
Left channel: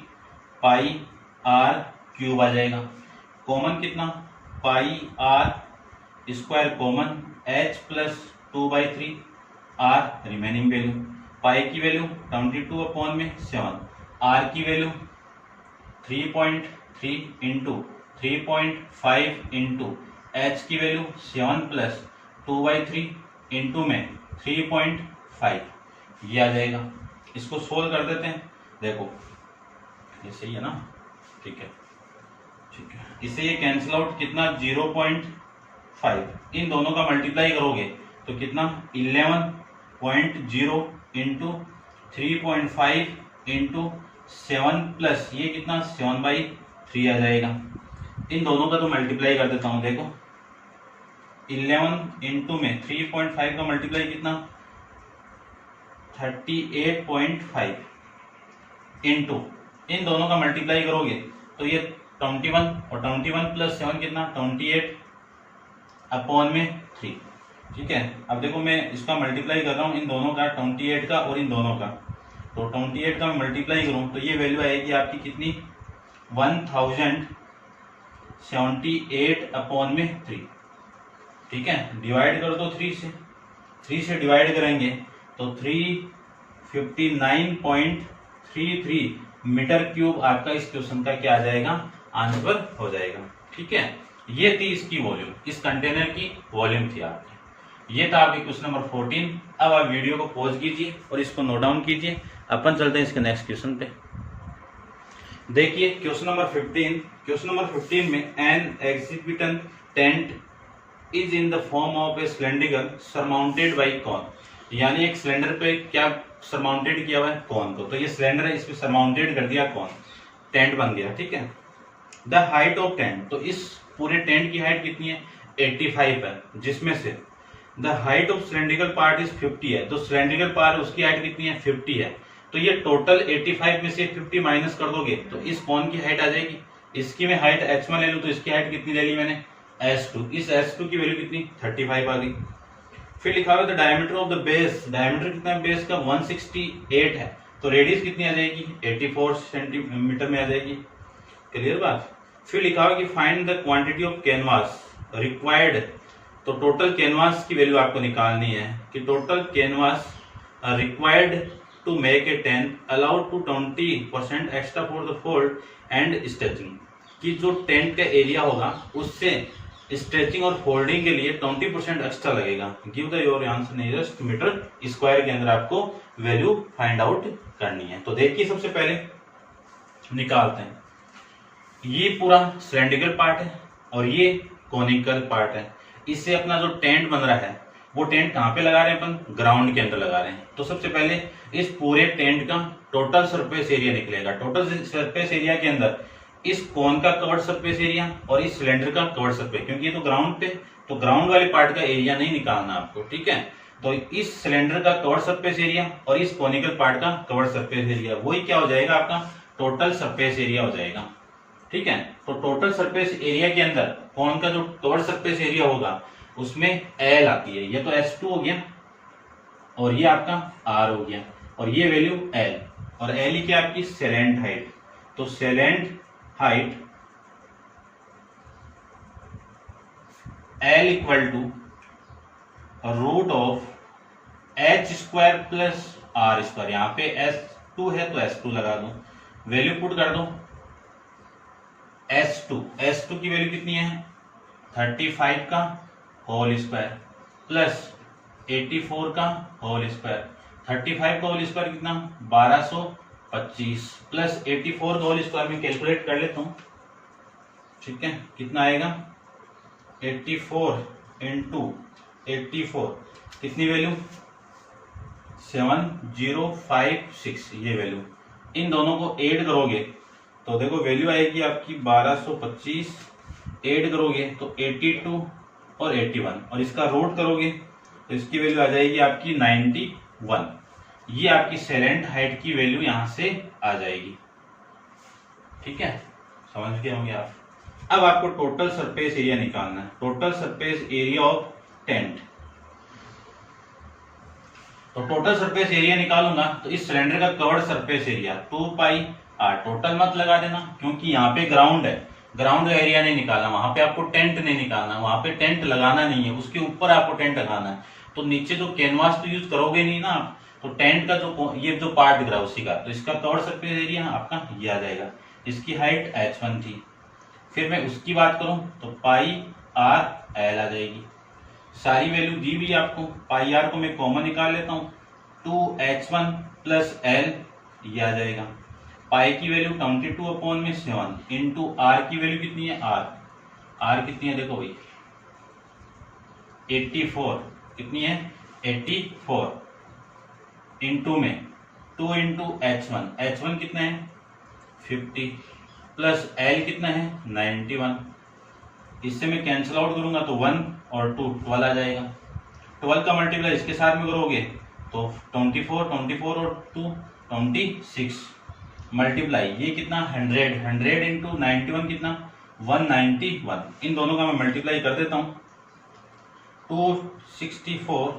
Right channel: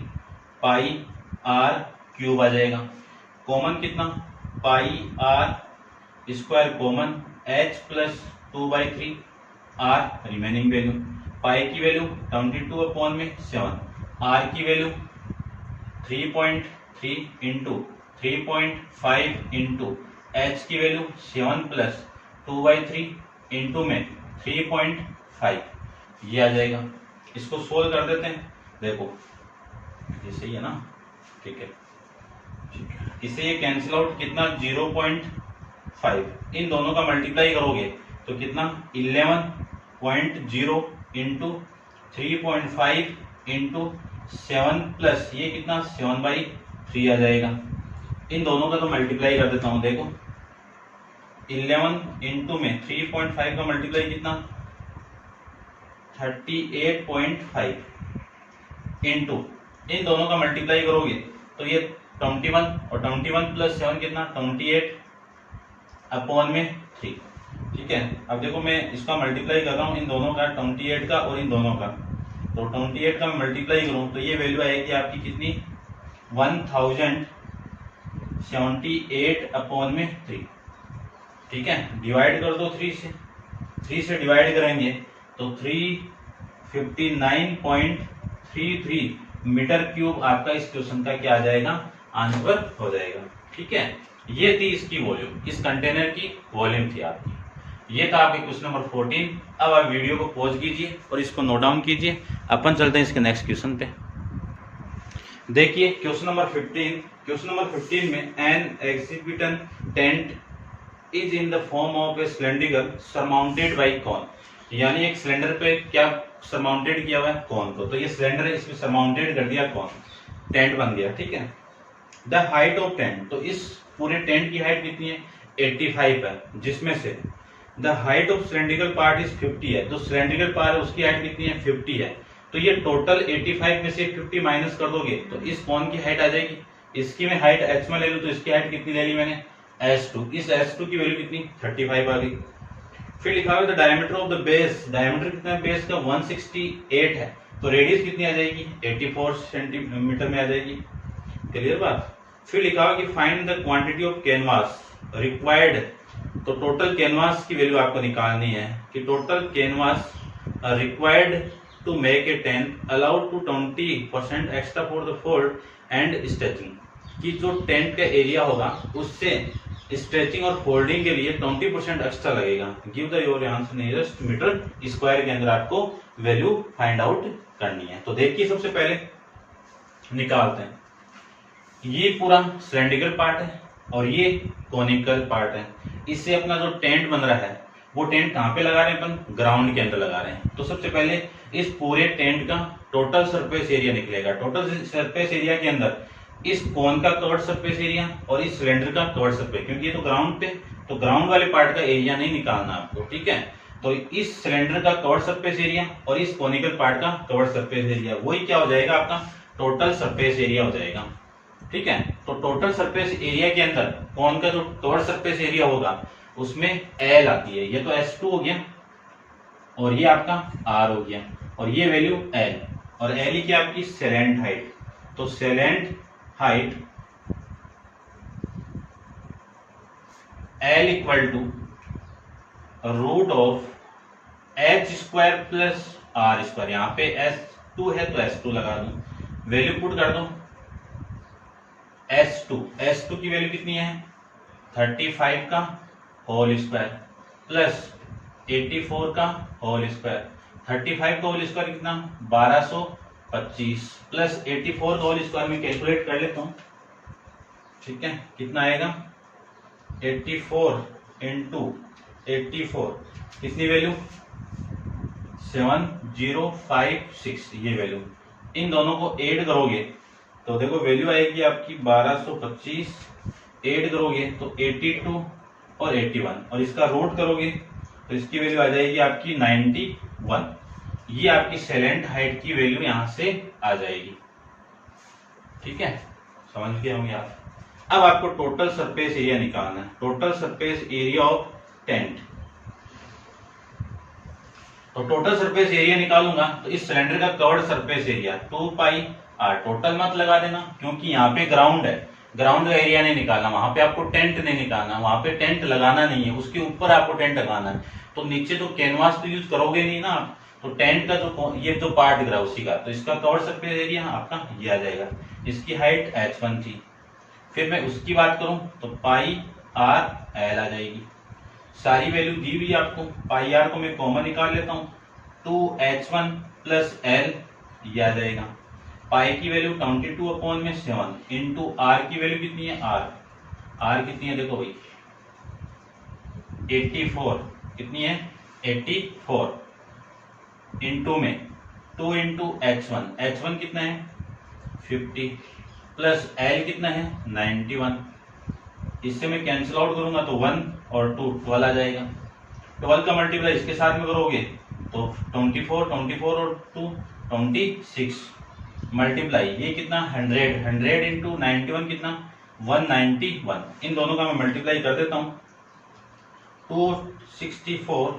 पाई आर क्यूब आ जाएगा। कॉमन कितना, pi are square common, H plus 2/3 R remaining value. Pi की वैल्यू 22/7, आर की value 3.3 into 3.5 into H की वैल्यू 7 प्लस 2/3 इंटू में 3.5, ये आ जाएगा। इसको सोल्व कर देते हैं, देखो ये सही है ना, ठीक है, ठीक है। इससे ये कैंसिल आउट, कितना 0.5, इन दोनों का मल्टीप्लाई करोगे तो कितना 11.0 इंटू 3.5 इंटू 7 प्लस ये कितना 7/3 आ जाएगा। इन दोनों का तो मल्टीप्लाई कर देता हूं, देखो 11 इंटू में 3.5 का मल्टीप्लाई कितना 38.5 इंटू, इन दोनों का मल्टीप्लाई करोगे तो ये 21, और 21 प्लस 7 कितना 28/3, ठीक है। अब देखो मैं इसका मल्टीप्लाई कर रहा हूँ, इन दोनों का 28 का और इन दोनों का, तो 28 का मल्टीप्लाई करूँ तो ये वैल्यू आएगी आपकी कितनी 1078/3, ठीक है। डिवाइड कर दो 3 से डिवाइड करेंगे तो 359.33 मीटर क्यूब आपका इस क्वेश्चन का क्या आ जाएगा, आंसर हो जाएगा, ठीक है। ये थी इसकी वॉल्यूम, इस कंटेनर की वॉल्यूम थी आपकी। ये था आपके क्वेश्चन नंबर 14। अब आप वीडियो को पॉज कीजिए और इसको नोट डाउन कीजिए, अपन चलते हैं इसके नेक्स्ट क्वेश्चन पे। देखिए क्वेश्चन नंबर 15, क्वेश्चन नंबर 15 में an exhibition tent is in the form of a cylinder surmounted by cone, यानी एक सिलेंडर पे क्या सरमाउंटेड किया हुआ है, कॉन को। तो ये सिलेंडर है, इसमें सरमाउंटेड कर दिया कॉन, टेंट बन गया, ठीक है। द हाइट ऑफ टेंट, तो इस पूरे टेंट की हाइट कितनी है 85 है, जिसमें से the height of cylindrical part is 50 है, तो सिलेंड्रिकल पार्ट उसकी हाइट कितनी है 50 है। तो ये टोटल 85 में से 50 माइनस कर दोगे तो इस कॉन की हाइट आ जाएगी। इसकी मैं हाइट h1 ले लूं तो इसकी हाइट कितनी ले ली मैंने h2, इस h2 की वैल्यू कितनी 35 आ गई। फिर लिखा हुआ the diameter of the base, diameter कितना है बेस का 168 है, तो रेडियस कितनी आ जाएगी 84 सेंटीमीटर में आ जाएगी, क्लियर बात। फिर लिखा हुआ कि find the quantity of canvas required, तो टोटल कैनवास की वैल्यू आपको निकालनी है कि total canvas required to make a tent allowed to 20% extra for the fold and stretching, कि जो टेंट का एरिया होगा उससे स्ट्रेचिंग और फोल्डिंग के लिए 20% एक्स्ट्रा लगेगा। Give the your answer nearest metre square के अंदर आपको वैल्यू फाइंड आउट करनी है। तो देखिए सबसे पहले निकालते हैं, ये पूरा सिलेंड्रिकल पार्ट है और ये कोनिकल पार्ट है। इससे अपना जो टेंट बन रहा है वो टेंट कहाँ पे लगा रहे हैं अपन, ग्राउंड के अंदर लगा रहे हैं। तो सबसे पहले इस पूरे टेंट का टोटल सरफेस एरिया निकलेगा। टोटल सरफेस एरिया के अंदर इस कोन का कवर्ड सरफेस एरिया और इस सिलेंडर का कवर्ड सरफेस, क्योंकि ये तो ग्राउंड पे, तो ग्राउंड वाले पार्ट का एरिया नहीं निकालना आपको, ठीक है। तो इस सिलेंडर का कवर्ड सरफेस एरिया और इस कोनिकल पार्ट का कवर्ड सरफेस एरिया, वही क्या हो जाएगा आपका टोटल सरफेस एरिया हो जाएगा, ठीक है। तो टोटल सरफेस एरिया के अंदर कोन का जो कवर्ड सरफेस एरिया होगा उसमें एल आती है, ये तो H2 हो गया और ये आपका R हो गया और ये वैल्यू L, और L ही क्या आपकी सेलेंट हाइट। तो slant height L equal to root of h² plus R², यहाँ पे S2 है तो S2 लगा दो, वैल्यू पुट कर दो S2 की वैल्यू कितनी है 35 का होल स्क्वायर प्लस 84 का होल स्क्वायर, 35 का होल स्क्वायर कितना 1225 प्लस 84 का होल स्क्वायर में कैलकुलेट कर लेता हूँ, ठीक है। कितना आएगा 84 इंटू 84, कितनी वैल्यू 7056, ये वैल्यू। इन दोनों को ऐड करोगे तो देखो वैल्यू आएगी आपकी 1225, ऐड करोगे तो 82 और 81, और इसका रूट करोगे तो इसकी वैल्यू आ जाएगी आपकी 91। ये आपकी सेलेंट हाइट की वैल्यू यहां से आ जाएगी। ठीक है, समझ गए होंगे आप। अब आपको टोटल सरफेस एरिया निकालना है, total surface area of tent. तो टोटल सरफेस एरिया निकालूंगा तो इस सिलेंडर का curved surface area 2 pi R, total मत लगा देना क्योंकि यहाँ पे ग्राउंड है, ग्राउंड का एरिया नहीं निकालना, वहां पे आपको टेंट नहीं निकालना, वहां पे टेंट लगाना नहीं है, उसके ऊपर आपको टेंट लगाना है। तो नीचे तो कैनवास तो यूज करोगे नहीं ना, तो टेंट का जो ये जो पार्ट दिख रहा है उसी का, तो इसका कवर्ड सरफेस एरिया आपका ये आ जाएगा। इसकी हाइट h1 थी, फिर मैं उसकी बात करूं तो पाई आर एल आ जाएगी। सारी वैल्यू दी हुई आपको, पाई आर को मैं कॉमन निकाल लेता हूं, 2h1 प्लस एल ये आ जाएगा। पाई की वैल्यू 22/7 इंटू आर की वैल्यू कितनी है, आर कितनी है देखो भाई 84, कितनी है 84 इंटू में 2 इंटू h1 कितना है 50 प्लस एल कितना है 91। इससे मैं कैंसिल आउट करूंगा तो 1 और 2 12 आ जाएगा। 12 का मल्टीप्लाई इसके साथ में करोगे तो 24 और 2 26 मल्टीप्लाई ये कितना 100 इंटू 91 कितना 191। इन दोनों का मैं मल्टीप्लाई कर देता हूं, 264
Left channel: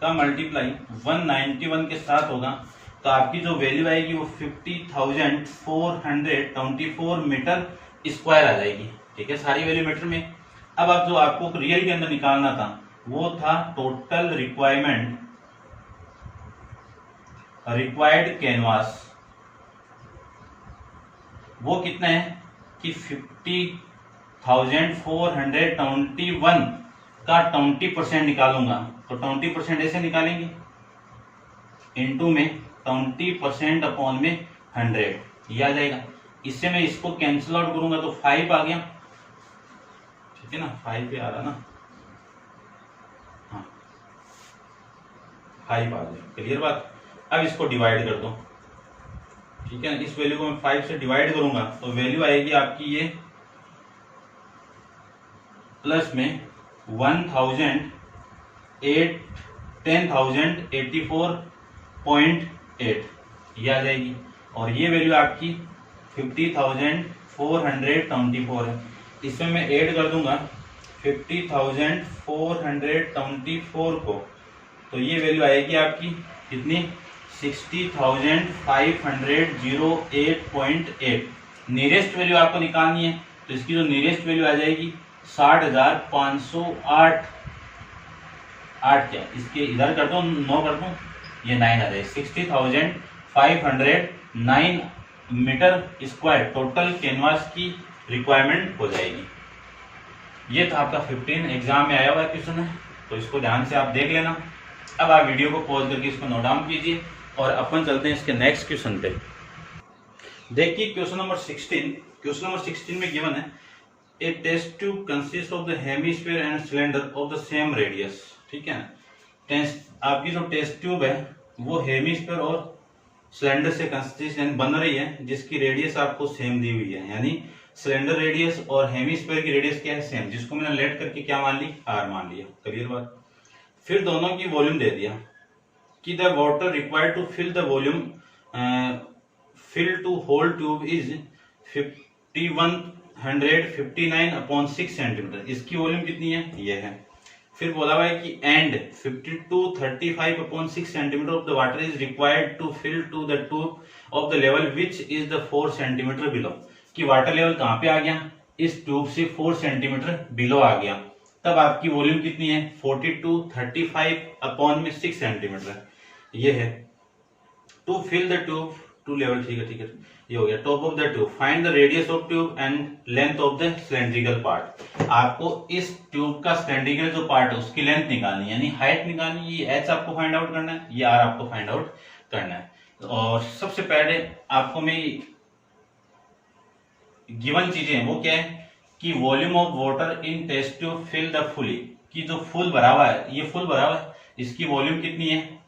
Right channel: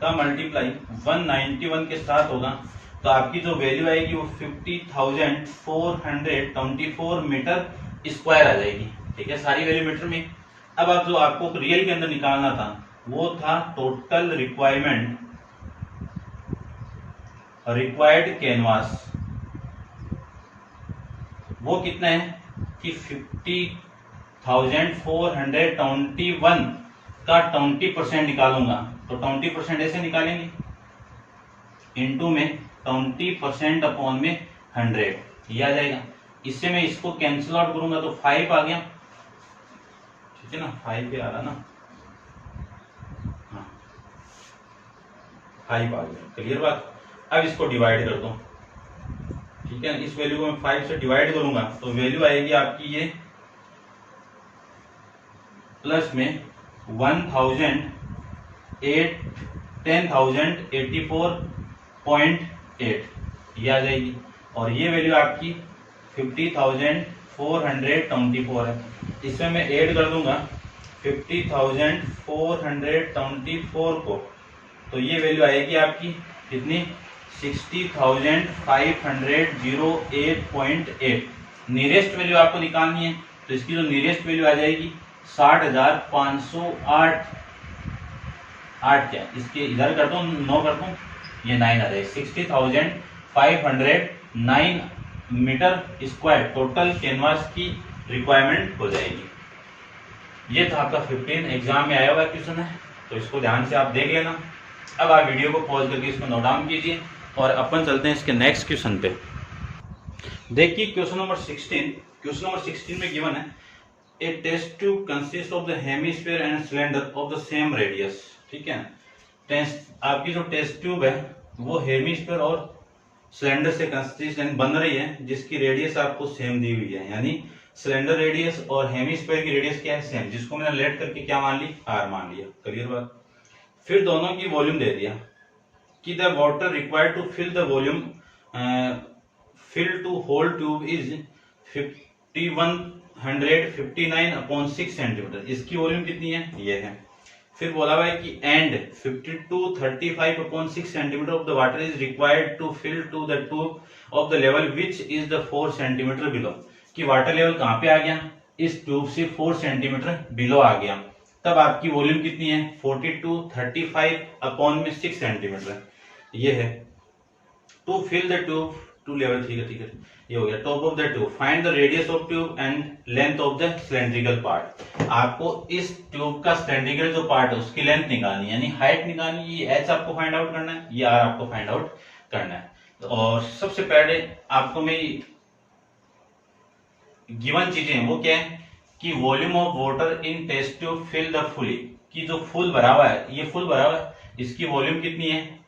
का मल्टीप्लाई 191 के साथ होगा तो आपकी जो वैल्यू आएगी वो 50,424 मीटर स्क्वायर आ जाएगी। ठीक है, सारी वैल्यू मीटर में। अब आप जो आपको रियल के अंदर निकालना था वो था टोटल रिक्वायर्ड कैनवास, वो कितना है कि 50,421 का 20% निकालूंगा तो 20% ऐसे निकालेंगे इनटू में 20% अपॉन में 100 ये आ जाएगा। इससे मैं इसको कैंसिल आउट करूंगा तो 5 आ गया, ठीक है ना, 5 पे आ रहा ना, हाँ 5 आ गया, क्लियर बात। अब इसको डिवाइड कर दो, ठीक है, इस वैल्यू को मैं 5 से डिवाइड करूंगा तो वैल्यू आएगी आपकी ये प्लस में 10,084.8 ये आ जाएगी और ये वैल्यू आपकी 50,424 है। इसमें मैं ऐड कर दूंगा 50,424 को तो ये वैल्यू आएगी आपकी कितनी 60,508.8। नियरेस्ट वैल्यू आपको निकालनी है तो इसकी जो नियरेस्ट वैल्यू आ जाएगी 60,508 क्या इसके इधर कर दो 9 कर दो ये 9 आ जाएगी 60,509 मीटर स्क्वायर टोटल कैनवास की रिक्वायरमेंट हो जाएगी। ये तो आपका 15 एग्जाम में आया हुआ क्वेश्चन है तो इसको ध्यान से आप देख लेना। अब आप वीडियो को पॉज करके इसको नोट डाउन कीजिए और अपन चलते हैं इसके नेक्स्ट क्वेश्चन पे। देखिए क्वेश्चन नंबर 16 में गिवन है a test tube consist of the hemisphere and cylinder of the same radius. ठीक है ना, आपकी जो टेस्ट ट्यूब है वो हेमिस्फीयर और सिलेंडर से कंसिस्ट बन रही है जिसकी रेडियस आपको सेम दी हुई है, यानी सिलेंडर रेडियस और हेमिस्फीयर की रेडियस क्या है सेम, जिसको मैंने लेट करके क्या मान ली आर मान लिया, क्लियर बात। फिर दोनों की वॉल्यूम दे दिया कि the water required to fill the volume fill to whole tube is 5159/6 centimetre. इसकी वॉल्यूम कितनी है ये है। फिर बोला हुआ है कि and 5235/6 centimetre of the water is required to fill to the tube of the level which is the 4 centimetre below, कि वाटर लेवल कहां पे आ गया इस ट्यूब से 4 सेंटीमीटर बिलो आ गया। तब आपकी वॉल्यूम कितनी है 4235/6 सेंटीमीटर ये है। To fill the tube to level, ठीक है ये हो गया। Top of the tube find the radius of tube and length of the cylindrical part. आपको इस ट्यूब का सिलेंड्रिकल जो पार्ट है उसकी लेंथ निकालनी है, यानी हाइट निकालनी है। ये एच आपको फाइंड आउट करना है, ये आर आपको फाइंड आउट करना है। और सबसे पहले आपको मैं गिवन चीजें वो क्या है कि volume of water in test tube fill the fully, कि जो फुल भरा हुआ है ये फुल भरा हुआ है, इसकी वॉल्यूम कितनी है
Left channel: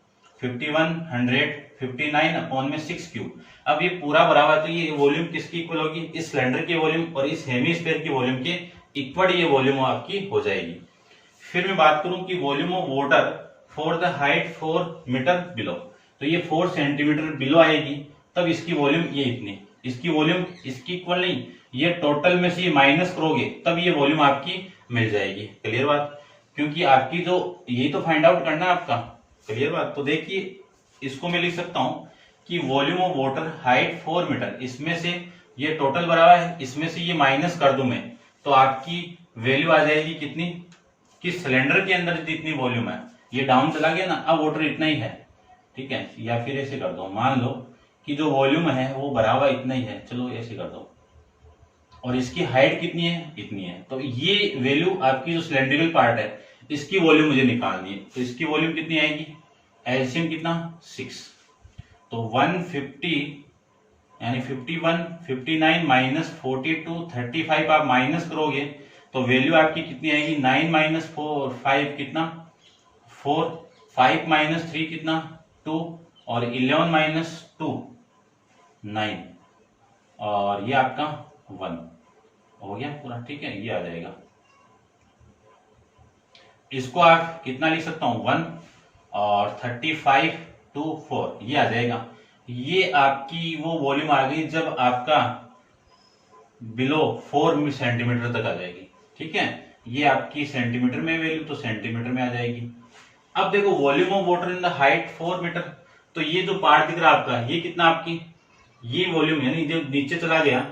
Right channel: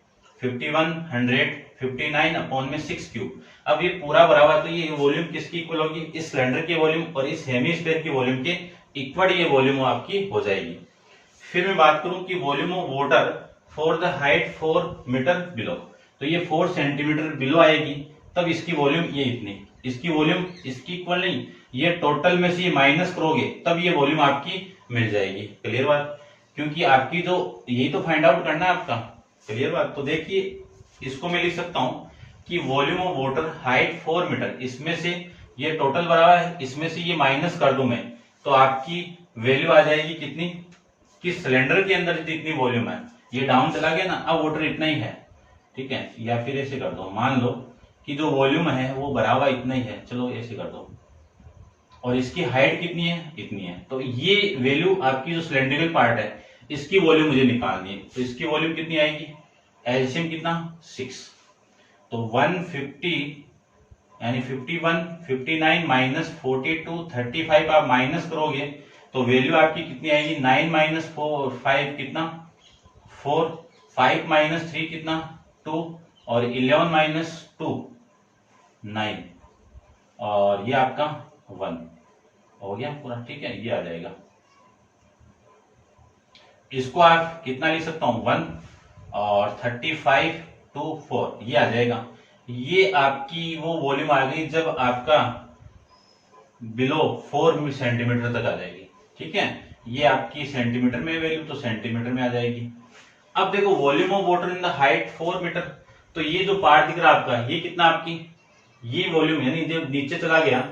5159/6 क्यूब। अब ये पूरा भरा हुआ है तो ये वॉल्यूम किसकी इक्वल होगी इस सिलेंडर की वॉल्यूम और इस हेमिस्फीयर की वॉल्यूम के इक्वल ये वॉल्यूम आपकी हो जाएगी। फिर मैं बात करूं कि volume of water for the height 4 metre below, तो ये 4 सेंटीमीटर बिलो आएगी, तब इसकी वॉल्यूम ये इतनी, इसकी वॉल्यूम इसकी इक्वल नहीं, ये टोटल में से ये माइनस करोगे तब ये वॉल्यूम आपकी मिल जाएगी। क्लियर बात, क्योंकि आपकी जो यही तो फाइंड आउट करना है आपका। क्लियर बात, तो देखिए इसको मैं लिख सकता हूं कि volume of water height 4 metre, इसमें से ये टोटल बराबर है, इसमें से ये माइनस कर दूं मैं, तो आपकी वैल्यू आ जाएगी कितनी, कि सिलेंडर के अंदर जितनी वॉल्यूम है, ये डाउन चला गया ना, अब वाटर इतना ही है। ठीक है, या फिर ऐसे कर दो, मान लो कि जो वॉल्यूम है वो भरा हुआ इतना ही है, चलो ऐसे कर दो, और इसकी हाइट कितनी है, इतनी है, तो ये वैल्यू आपकी जो सिलेंड्रिकल पार्ट है इसकी वॉल्यूम मुझे निकालनी है, तो इसकी वॉल्यूम कितनी आएगी, एलसीएम कितना 6, तो 150 यानी 51 59 माइनस 42 35 आप माइनस करोगे तो वैल्यू आपकी कितनी आएगी, 9 माइनस 4 5 कितना 4, 5 माइनस 3 कितना 2, और 11 माइनस 2 9, और ये आपका 1 हो गया पूरा। ठीक है, ये आ जाएगा, इसको आप कितना लिख सकता हूं 1 और 35 to 4 ये आ जाएगा। ये आपकी वो वॉल्यूम आ गई जब आपका बिलो 4 सेंटीमीटर तक आ जाएगी। ठीक है, ये आपकी सेंटीमीटर में वैल्यू तो सेंटीमीटर में आ जाएगी। अब देखो volume of water in the height 4 metre, तो ये जो पार्ट दिख रहा है आपका, ये कितना आपकी, ये वॉल्यूम यानी जो नीचे चला गया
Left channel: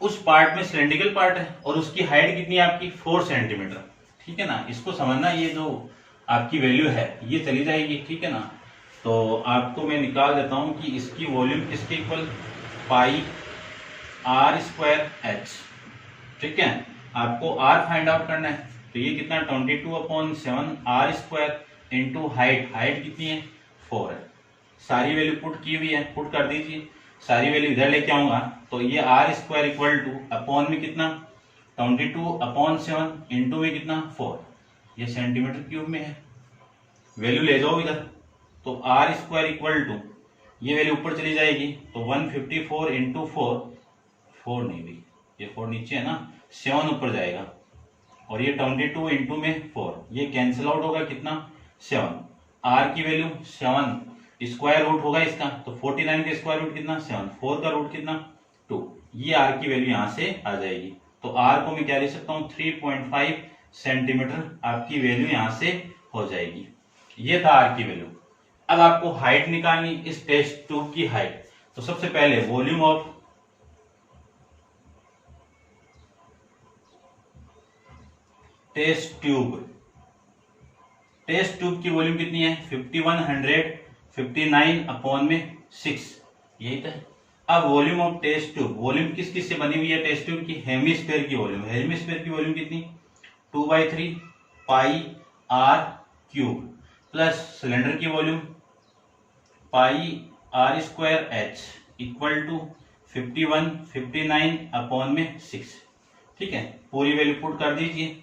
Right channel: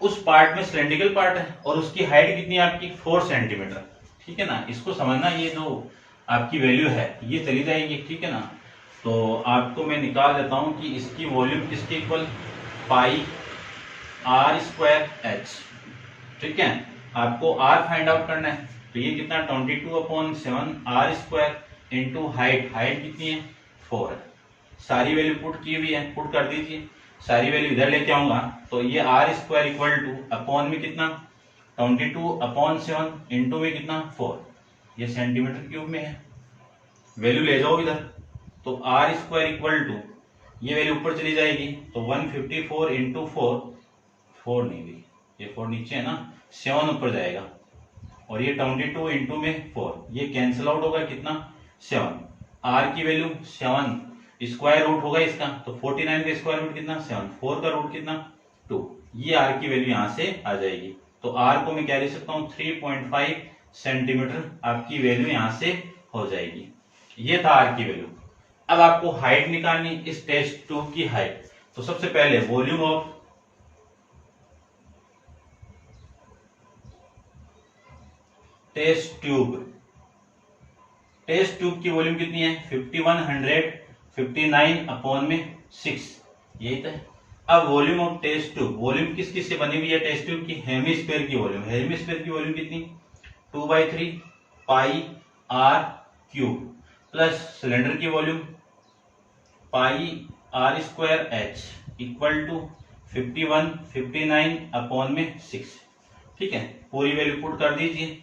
उस पार्ट में सिलेंड्रिकल पार्ट है और उसकी हाइट कितनी है आपकी 4 सेंटीमीटर। ठीक है ना, इसको समझना, ये जो आपकी वैल्यू है ये चली जाएगी। ठीक है ना, तो आपको मैं निकाल देता हूं कि इसकी वॉल्यूम किसके equal, pi are square H. ठीक है, आपको आर फाइंड आउट करना है, तो ये कितना 22/7 R square into height, height कितनी है 4 है, सारी वैल्यू पुट की हुई है, पुट कर दीजिए, सारी वैल्यू इधर लेके आऊंगा, तो ये R square equal to upon में कितना 22/7 इंटू में कितना 4, ये सेंटीमीटर क्यूब में है, वैल्यू ले जाओ इधर, तो आर स्क्वायर इक्वल टू ये वैल्यू ऊपर चली जाएगी, तो 154 इंटू 4 नहीं हुई, ये 4 नीचे है ना, 7 ऊपर जाएगा, और ये 22 इंटू में 4 ये कैंसिल आउट होगा कितना 7, आर की वैल्यू 7, स्क्वायर रूट होगा इसका, तो 49 का स्क्वायर रूट कितना 7, 4 का रूट कितना 2, ये आर की वैल्यू यहां से आ जाएगी, तो आर को मैं क्या ले सकता हूँ 3.5 सेंटीमीटर आपकी वैल्यू यहां से हो जाएगी। ये था आर की वैल्यू। अब आपको हाइट निकालनी, इस टेस्ट ट्यूब की हाइट, तो सबसे पहले वॉल्यूम ऑफ टेस्ट ट्यूब की वॉल्यूम कितनी है 5159/6, यही तो है। अब volume of test tube, volume किस किस से बनी हुई है टेस्ट ट्यूब की, हेमीस्फीयर की वॉल्यूम, हेमीस्फीयर की वॉल्यूम कितनी 2/3 pi r cube plus cylinder की volume pi are square h equal to 5159/6। ठीक है, पूरी वैल्यू पुट कर दीजिए,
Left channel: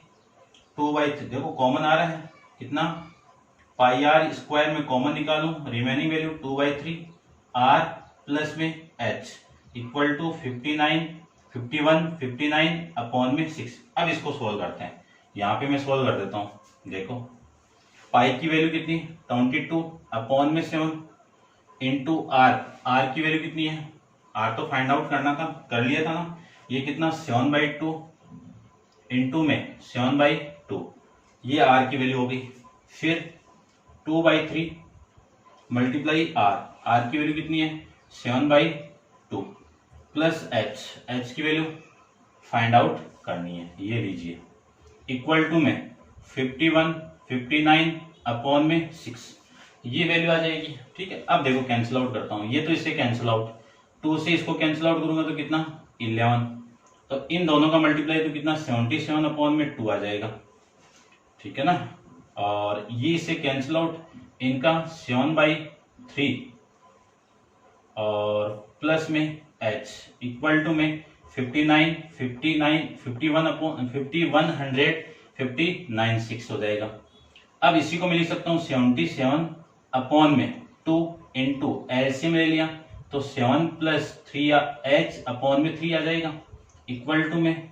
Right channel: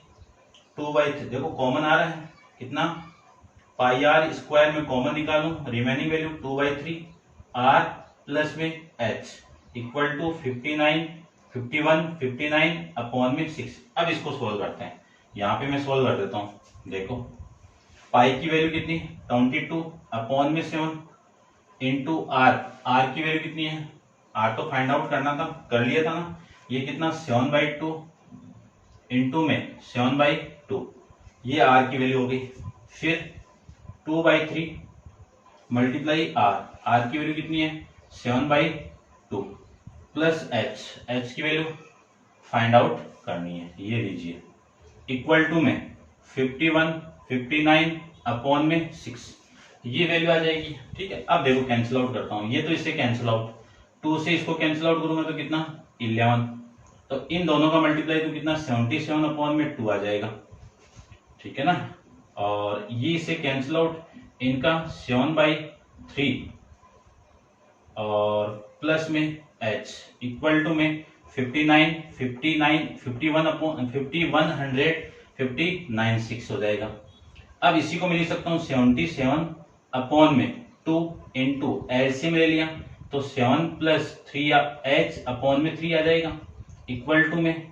2/3 देखो कॉमन आ रहा है कितना, पाई आर स्क्वायर में कॉमन निकालूं, रिमेनिंग वैल्यू 2/3 आर प्लस में एच इक्वल टू 5159/6। अब इसको सोल्व करते हैं, यहां पे मैं सोल्व कर देता हूं, देखो पाई की वैल्यू कितनी 22/7 इंटू आर, आर की वैल्यू कितनी है, आर तो फाइंड आउट करना था, कर लिया था ना, ये कितना 7/2 इंटू में 7/2, ये आर की वैल्यू हो गई, फिर 2/3 मल्टीप्लाई आर, आर की वैल्यू कितनी है 7/2 प्लस एच, एच की वैल्यू फाइंड आउट करनी है, ये लीजिए इक्वल टू में 5159/6, ये वैल्यू आ जाएगी। ठीक है, अब देखो कैंसिल आउट करता हूं, ये तो इससे कैंसिल आउट, 2 से इसको कैंसिल आउट करूंगा तो कितना 11, तो इन दोनों का मल्टीप्लाई तो कितना 77/2 आ जाएगा। ठीक है ना, और ये इससे कैंसिल आउट, इनका 7/3 और प्लस में h इक्वल टू में 51/6 हो जाएगा। अब इसी को मैं लिख सकता हूँ 77/2 इंटू एलसीएम ले लिया, तो 7 + 3h/3 आ जाएगा इक्वल टू में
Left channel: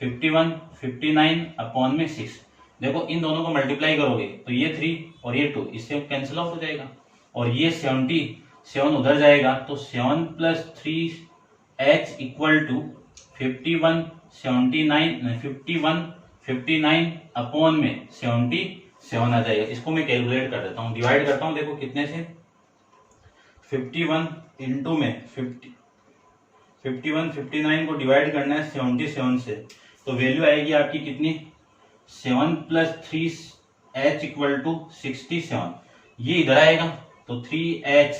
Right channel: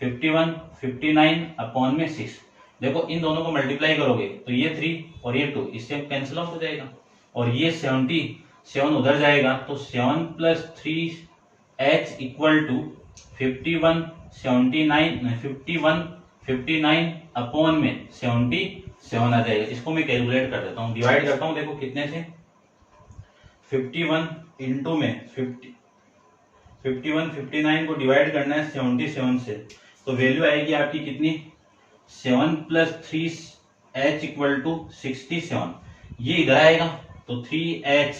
51/59/6। देखो इन दोनों को मल्टीप्लाई करोगे तो ये 3 और ये 2 इससे कैंसिल आउट हो जाएगा, और ये 77 उधर जाएगा तो 7 + 3h इक्वल टू 51 59 अपॉन में 77 आ जाएगा। इसको मैं कैलकुलेट कर देता हूँ, डिवाइड करता हूँ, देखो कितने से 51 इंटू में 59 को डिवाइड करना है 77 से, तो वैल्यू आएगी आपकी कितनी 7 + 3h इक्वल टू 67। ये इधर आएगा तो 3h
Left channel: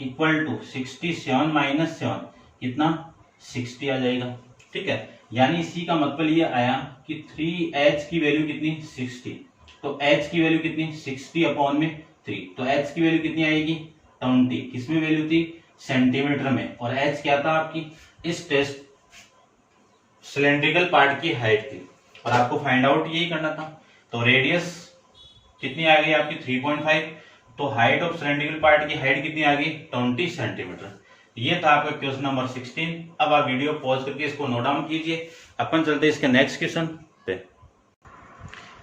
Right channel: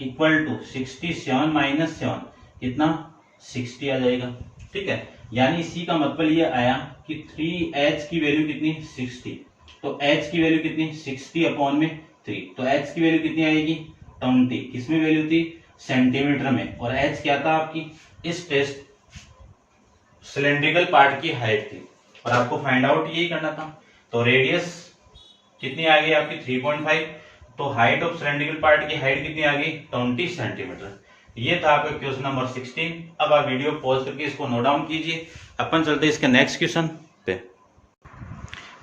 इक्वल टू 67 - 7 कितना 60 आ जाएगा। ठीक है, यानी इसी का मतलब ये आया कि 3h की वैल्यू कितनी 60, तो h की वैल्यू कितनी 60 अपॉन में 3, तो h की वैल्यू कितनी आएगी 20। किसमें वैल्यू थी सेंटीमीटर में, और h क्या था आपकी इस टेस्ट सिलेंड्रिकल पार्ट की हाइट थी, और आपको फाइंड आउट यही करना था। तो रेडियस कितनी आ गई आपकी 3.5, तो हाइट ऑफ सिलेंड्रिकल पार्ट की हाइट कितनी आ गई 20 सेंटीमीटर। ये था आपका क्वेश्चन नंबर 16। अब आप वीडियो पॉज करके इसको नोट डाउन कीजिए, अपन चलते हैं इसके नेक्स्ट क्वेश्चन पे।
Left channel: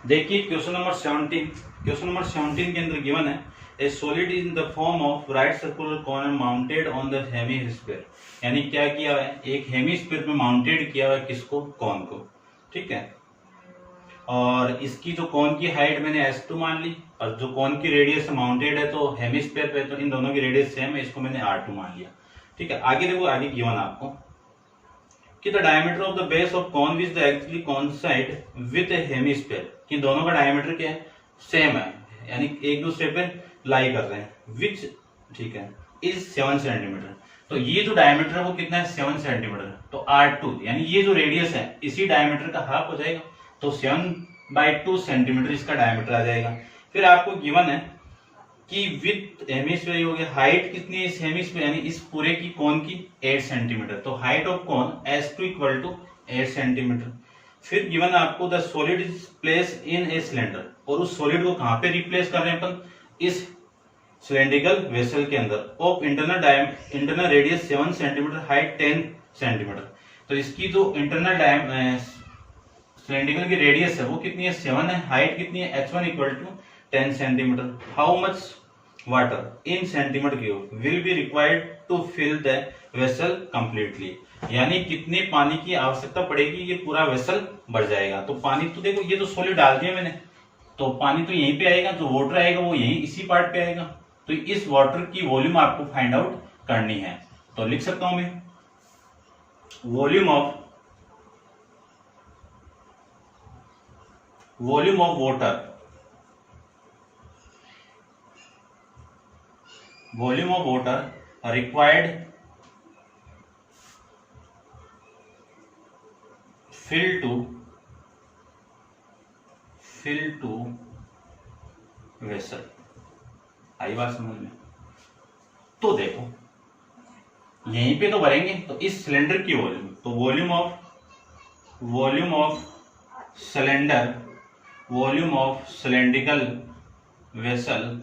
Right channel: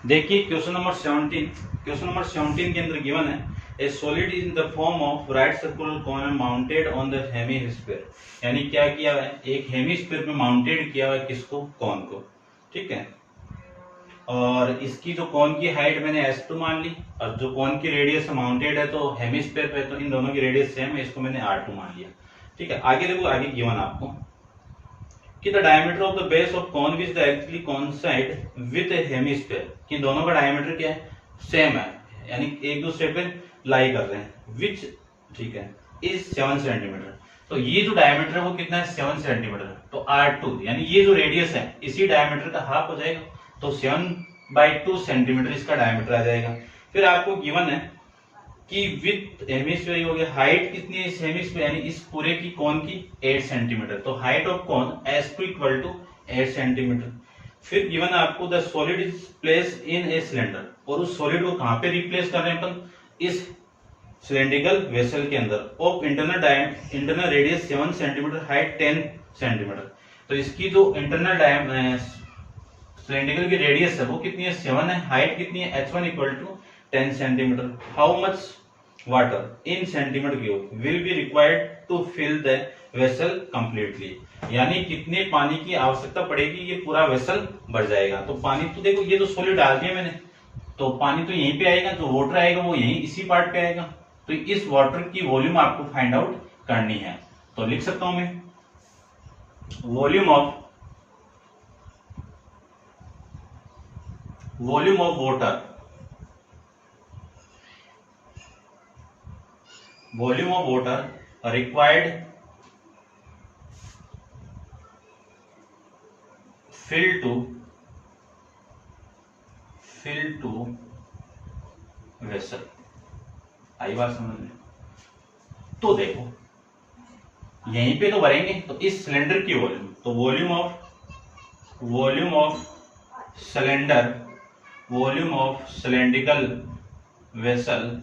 देखिए क्वेश्चन नंबर 17। क्वेश्चन नंबर 17 के अंदर गिवन है a solid in the form of right circular cone mounted on the hemisphere, यानी क्या किया हुआ है एक हेमिस्फीयर में माउंटेड किया हुआ है किसको कॉन को। ठीक है, और इसकी जो कॉन की हाइट मैंने S2 मान ली, और जो कॉन की रेडियस माउंटेड है तो हेमिस्फीयर पे, तो इन दोनों की रेडियस सेम है, इसको मैंने R2 मान लिया। ठीक है, आगे देखो, आगे गिवन आपको कि the diameter of the base of cone which the actually coincide with a hemisphere, कि दोनों का डायमीटर क्या है सेम है, यानी एक दूसरे पे लाई कर रहे हैं, विच ठीक है इज 7 सेंटीमीटर। तो ये जो डायमीटर है वो कितना है 7 सेंटीमीटर, तो R2 यानी ये जो रेडियस है इसी डायमीटर का हाफ हो जाएगा, तो 7/2 सेंटीमीटर इसका डायमीटर आ जाएगा। फिर आपको गिवन है कि विथ हेमिस्फीयर हो गया, हाइट कितनी है इस हेमिस्फीयर यानी इस पूरे की कोन की 8 सेंटीमीटर, तो height of cone S2 equal to 8 centimetre. फिर गिवन है आपको the solid is place in a cylinder, और उस सॉलिड को कहां पे रिप्लेस कर रहे हैं अपन इस सिलेंड्रिकल वेसल के अंदर, of internal radius 7 centimetre, height 10 centimetre. तो इसकी जो इंटरनल सिलेंड्रिकल की रेडियस है वो कितनी है 7 है, हाइट कितनी है h1 equal to 10 centimetre. How much water in centimetre cube will be required to fill the vessel completely, यानी कितने पानी की आवश्यकता पड़ेगी ये पूरा वेसल भर जाएगा। तो पानी तो देखो ये जो सॉलिड डाल दिया मैंने, तो पानी तो यहीं पे आएगा, जो वाटर आएगा वो यहीं इसी पार्ट पे आएगा, तो इस वाटर की वॉल्यूम आपको फाइंड आउट करनी है। तो लिख सकता हूं मैं volume of water required fill to vessel। आई बात समझ में? तो देखो यहीं पे तो भरेंगे, तो इस सिलेंडर की वॉल्यूम, तो वॉल्यूम ऑफ सिलेंड्रिकल वेसल,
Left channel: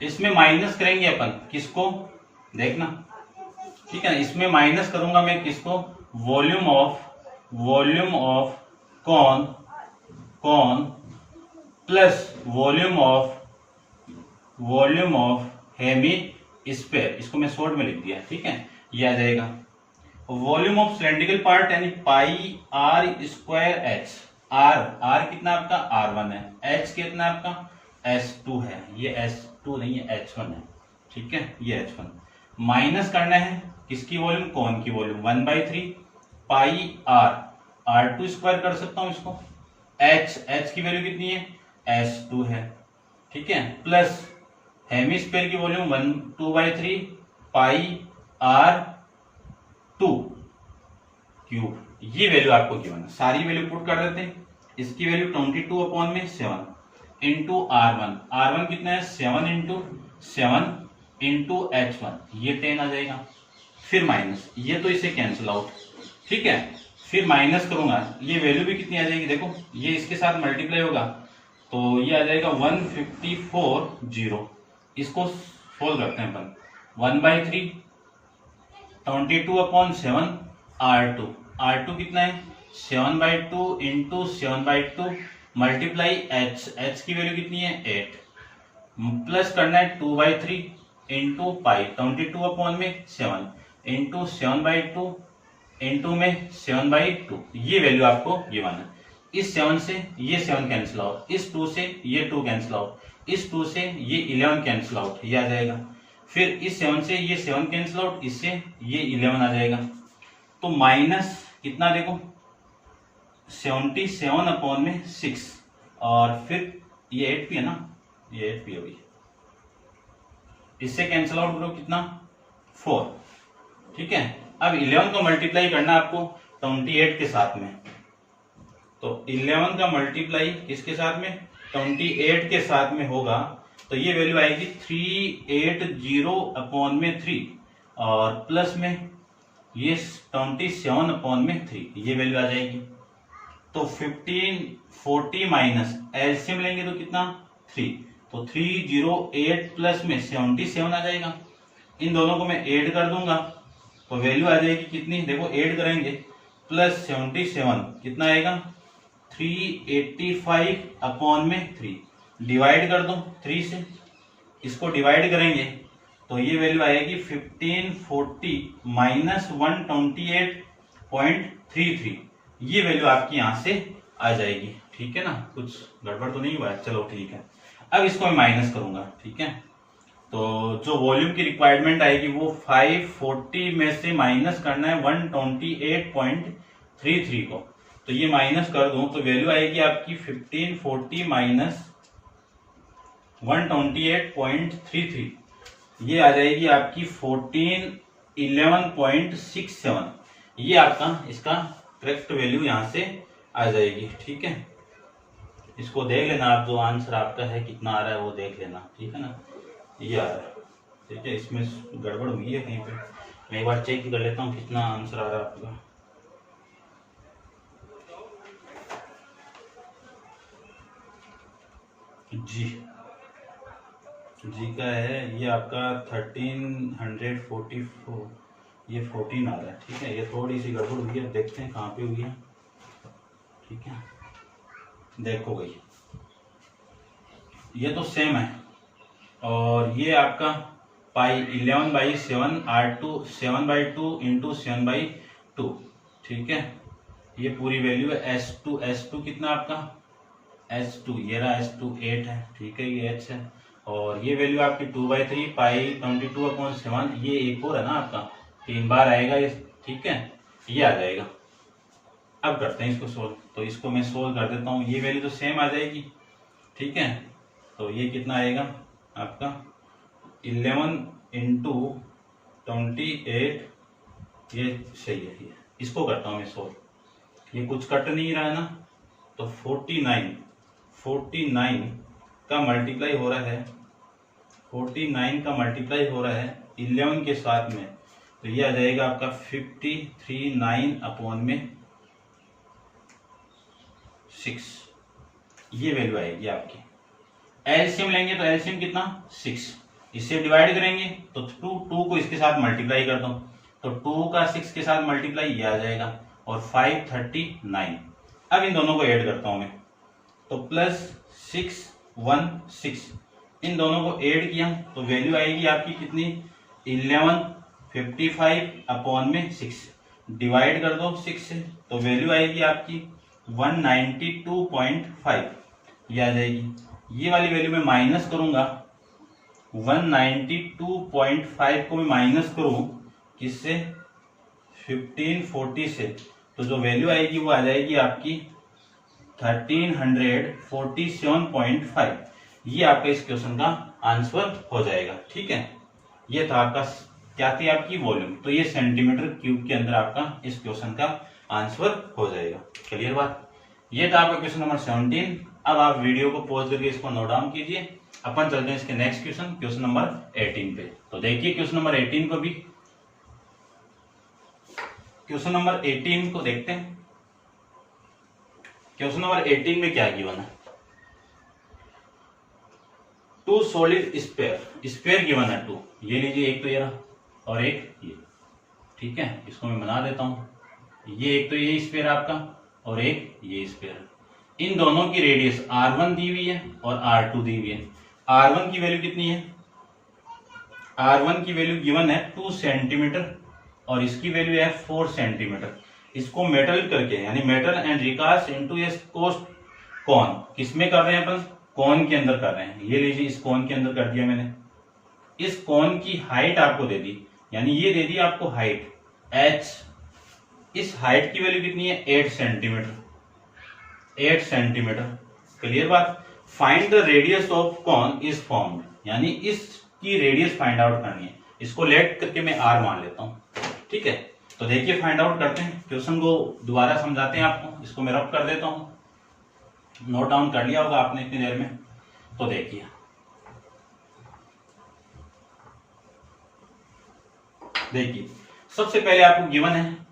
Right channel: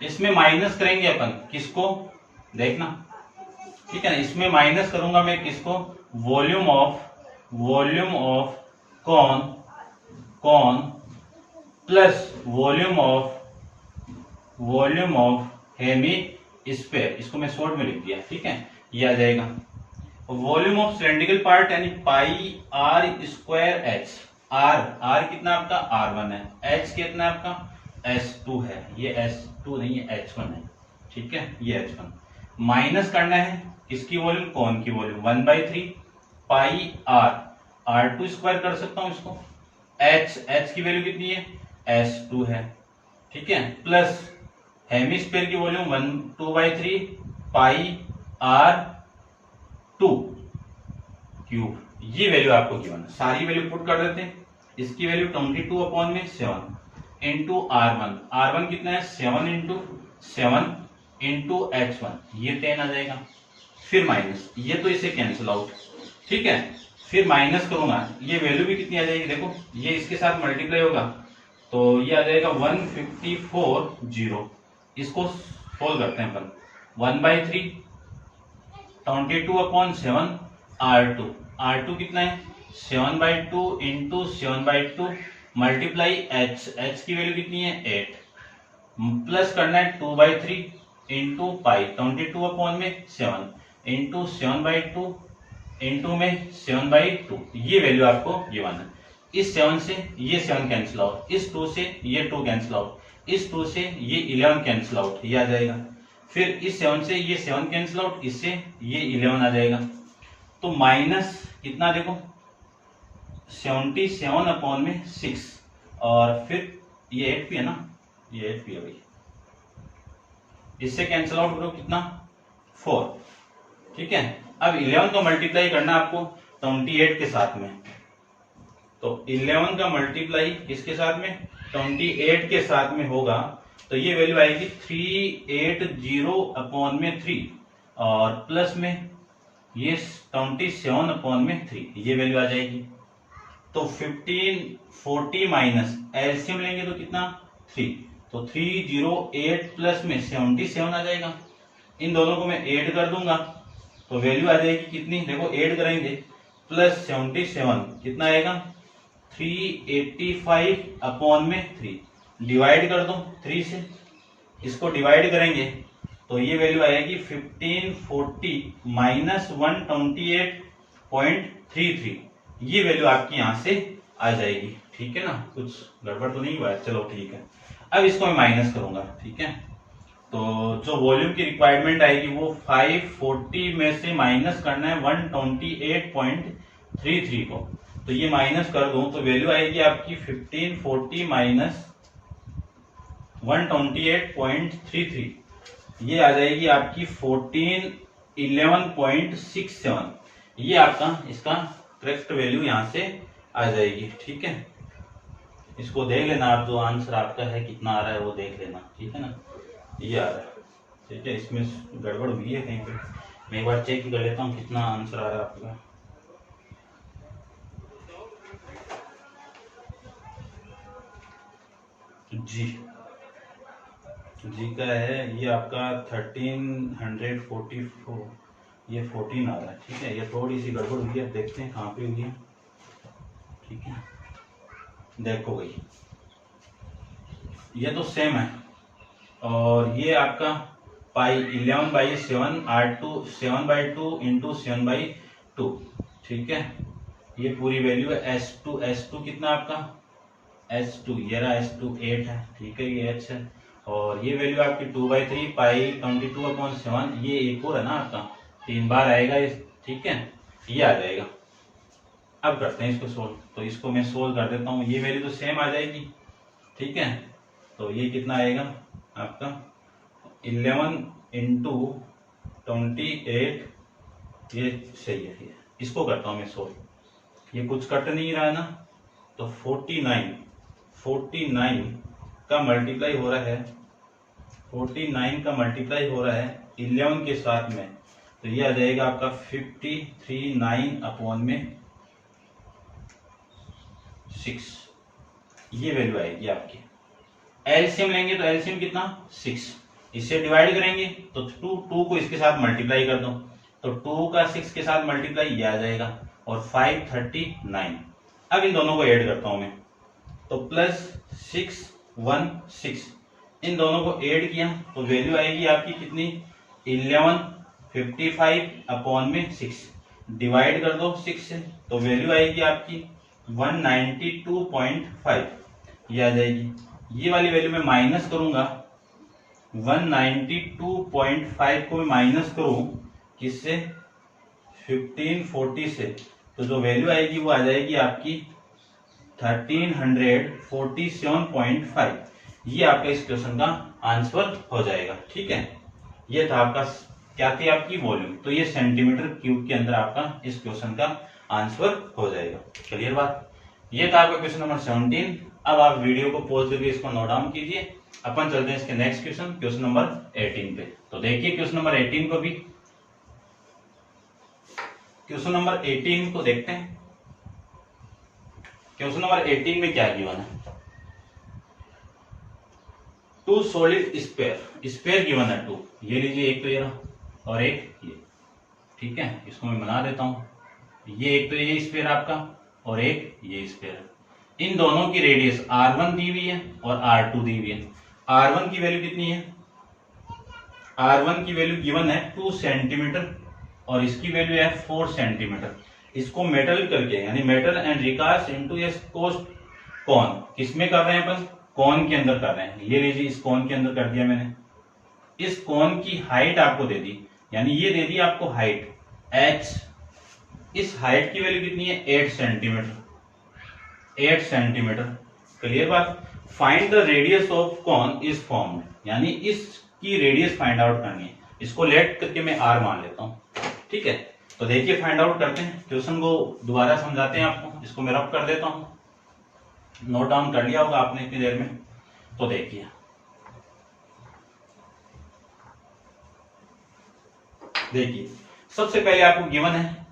इसमें माइनस करेंगे अपन किसको, देखना ठीक है ना, इसमें माइनस करूंगा मैं किसको, volume of cone plus volume of hemisphere, इसको मैं शॉर्ट में लिख दिया। ठीक है, ये आ जाएगा वॉल्यूम ऑफ सिलेंड्रिकल पार्ट यानी पाई r² h। r कितना आपका r1 है, h कितना आपका s2 है, ये s2 नहीं है h1 है। ठीक है, ये h1 माइनस करना है इसकी वॉल्यूम कौन की वॉल्यूम 1/3 पाई r2 स्क्वायर कर सकता हूं इसको, h की वैल्यू कितनी है s2 है। ठीक है, प्लस हेमिस्फीयर की वॉल्यूम 2/3 पाई r2 क्यूब, ये वैल्यू आपको गिवन है, सारी वैल्यू पुट कर देते हैं। इसकी वैल्यू 22/7 इंटू r1 कितना है 7 इंटू h1, ये 10 आ जाएगा। फिर माइनस, ये तो इसे कैंसिल आउट। ठीक है, फिर माइनस करूंगा, ये वैल्यू भी कितनी आ जाएगी, देखो ये इसके साथ मल्टीप्लाई होगा तो ये आ जाएगा 154 इसको सोल्व करते हैं अपन, 1/3 22/7 r2 कितना है 7/2 इंटू 7/2 मल्टीप्लाई एच की वैल्यू कितनी है 8, प्लस करना है 2/3 इंटू पाई 22 में 7 इंटू 7/2 इंटू में 7/2, ये वैल्यू आपको गिवन है। इस 7 से ये 7 कैंसिल आउट, इस 2 से ये 2 कैंसिल आउट, इस 2 से ये 11 कैंसिल आउट, ये आ जाएगा। फिर इस 7 से ये 7 कैंसिल आउट, इससे ये 11 आ जाएगा। तो माइनस कितना देखो 77/6, और फिर ये 8 भी है ना, ये 8 भी है भाई, इससे कैंसिल आउट करो कितना 4, ठीक है। अब 11 को मल्टीप्लाई करना आपको 28 के साथ में, तो 11 का मल्टीप्लाई किसके साथ में 28 के साथ में होगा, तो ये वैल्यू आएगी 380/3, और प्लस में ये 27/3, ये वैल्यू आ जाएगी। तो 1540 माइनस एलसीएम लेंगे तो कितना 3, तो 308 प्लस में 77 आ जाएगा। इन दोनों को मैं ऐड कर दूंगा तो वैल्यू आ जाएगी कितनी, देखो ऐड करेंगे, प्लस 77 कितना आएगा 385/3, डिवाइड कर दो 3 से, इसको डिवाइड करेंगे तो ये वैल्यू आएगी 1540 माइनस 128.33, ये वैल्यू आपकी यहां से आ जाएगी, ठीक है ना। कुछ गड़बड़ तो नहीं हुआ है, चलो ठीक है। अब इसको मैं माइनस करूंगा, ठीक है। तो जो वॉल्यूम की रिक्वायरमेंट आएगी वो 540 में से माइनस करना है 128.33 को, तो ये माइनस कर दूं तो वैल्यू आएगी आपकी 1540 माइनस 128.33, ये आ जाएगी आपकी 1411.67, ये आपका इसका करेक्ट वैल्यू यहां से आ जाएगी, ठीक है। इसको देख लेना आप, जो आंसर आपका है कितना आ रहा है वो देख लेना, ठीक है ना, ये आ रहा है, ठीक है। इसमें गड़बड़ हुई है कहीं पे, मैं एक बार चेक कर लेता हूँ कितना आंसर आ रहा है आपका। जी का है ये आपका 1344, ये 14 आ रहा है, ठीक है। ये थोड़ी सी गड़बड़ हुई है, देखते हैं कहाँ पे हुई है, ठीक है। देखो भाई ये तो सेम है, और ये आपका पाई 11/7 R2 7/2 इंटू 7/2, ठीक है। ये पूरी वैल्यू है S2 कितना आपका S2, ये रहा S2 8 है, ठीक है, ये H है, और ये वैल्यू आपकी 2/3 पाई 22/7, ये एक और है ना आपका 3 बार आएगा ये, ठीक है, ये आ जाएगा। अब करते हैं इसको सोल्व, तो इसको मैं सोल्व कर देता हूँ, ये वैल्यू तो सेम आ जाएगी, ठीक है। तो ये कितना आएगा आपका 11 इंटू 28, ये सही है, ये इसको करता हूँ मैं सोल्व, ये कुछ कट नहीं रहा है ना, तो 49 का मल्टीप्लाई हो रहा है, 49 का मल्टीप्लाई हो रहा है 11 के साथ में, तो ये आ जाएगा आपका 53/9/6, ये वैल्यू आएगी आपकी। एलसीएम लेंगे तो एलसीएम कितना 6, इससे डिवाइड करेंगे तो 2 को इसके साथ मल्टीप्लाई कर दो, तो 2 का 6 के साथ मल्टीप्लाई ये आ जाएगा, और 539। अब इन दोनों को ऐड करता हूं मैं, तो प्लस 616, इन दोनों को ऐड किया तो वैल्यू आएगी आपकी कितनी 1155/6, डिवाइड कर दो 6 से तो वैल्यू आएगी आपकी 192.5, ये आ जाएगी। ये वाली वैल्यू में माइनस करूंगा 192.5 को मैं माइनस करूं किससे 1540 से, तो जो वैल्यू आएगी वो आ जाएगी आपकी 1347.5, ये आपका इस क्वेश्चन का आंसर हो जाएगा, ठीक है। ये था आपका क्या थी आपकी वॉल्यूम, तो ये सेंटीमीटर क्यूब के अंदर आपका इस क्वेश्चन का आंसर हो जाएगा। क्लियर बात, ये था आपका क्वेश्चन नंबर 17। अब आप वीडियो को पॉज करके इसको नोट डाउन कीजिए, अपन चलते हैं इसके नेक्स्ट क्वेश्चन नंबर 18 पे। तो देखिए क्वेश्चन नंबर 18 को भी, क्वेश्चन नंबर 18 को देखते हैं। क्वेश्चन नंबर 18 में क्या गिवन है, 2 सॉलिड स्पेयर गिवन है 2, ये लीजिए, एक तो ये रहा और एक ये, ठीक है। इसको मैं बना देता हूं, ये एक तो ये स्पेयर आपका और एक ये स्फीयर। इन दोनों की रेडियस r1 दी हुई है और r2 दी हुई है। r1 की वैल्यू कितनी है? r1 की वैल्यू गिवन है 2 सेंटीमीटर और इसकी वैल्यू है 4 सेंटीमीटर। इसको मेटल करके यानी मेटल एंड रिकास्ट इनटू ए कोन, किसमें कर रहे हैं अपन? कोन के अंदर कर रहे हैं। ये लीजिए इस कोन के अंदर कर दिया मैंने। इस कोन की हाइट आपको दे दी, यानी ये दे दी आपको हाइट h। इस हाइट की वैल्यू कितनी है? 8 सेंटीमीटर। 8 सेंटीमीटर। क्लियर बात? Find the radius of cone is formed, यानी इसकी रेडियस फाइंड आउट करनी है। इसको लेट करके मैं r मान लेता हूं। ठीक है, तो देखिए फाइंड आउट करते हैं। क्वेश्चन को दोबारा समझाते हैं आपको। इसको मैं रब कर देता हूं, नोट डाउन कर लिया होगा आपने इतनी देर में। तो देखिए सबसे पहले आपको गिवन है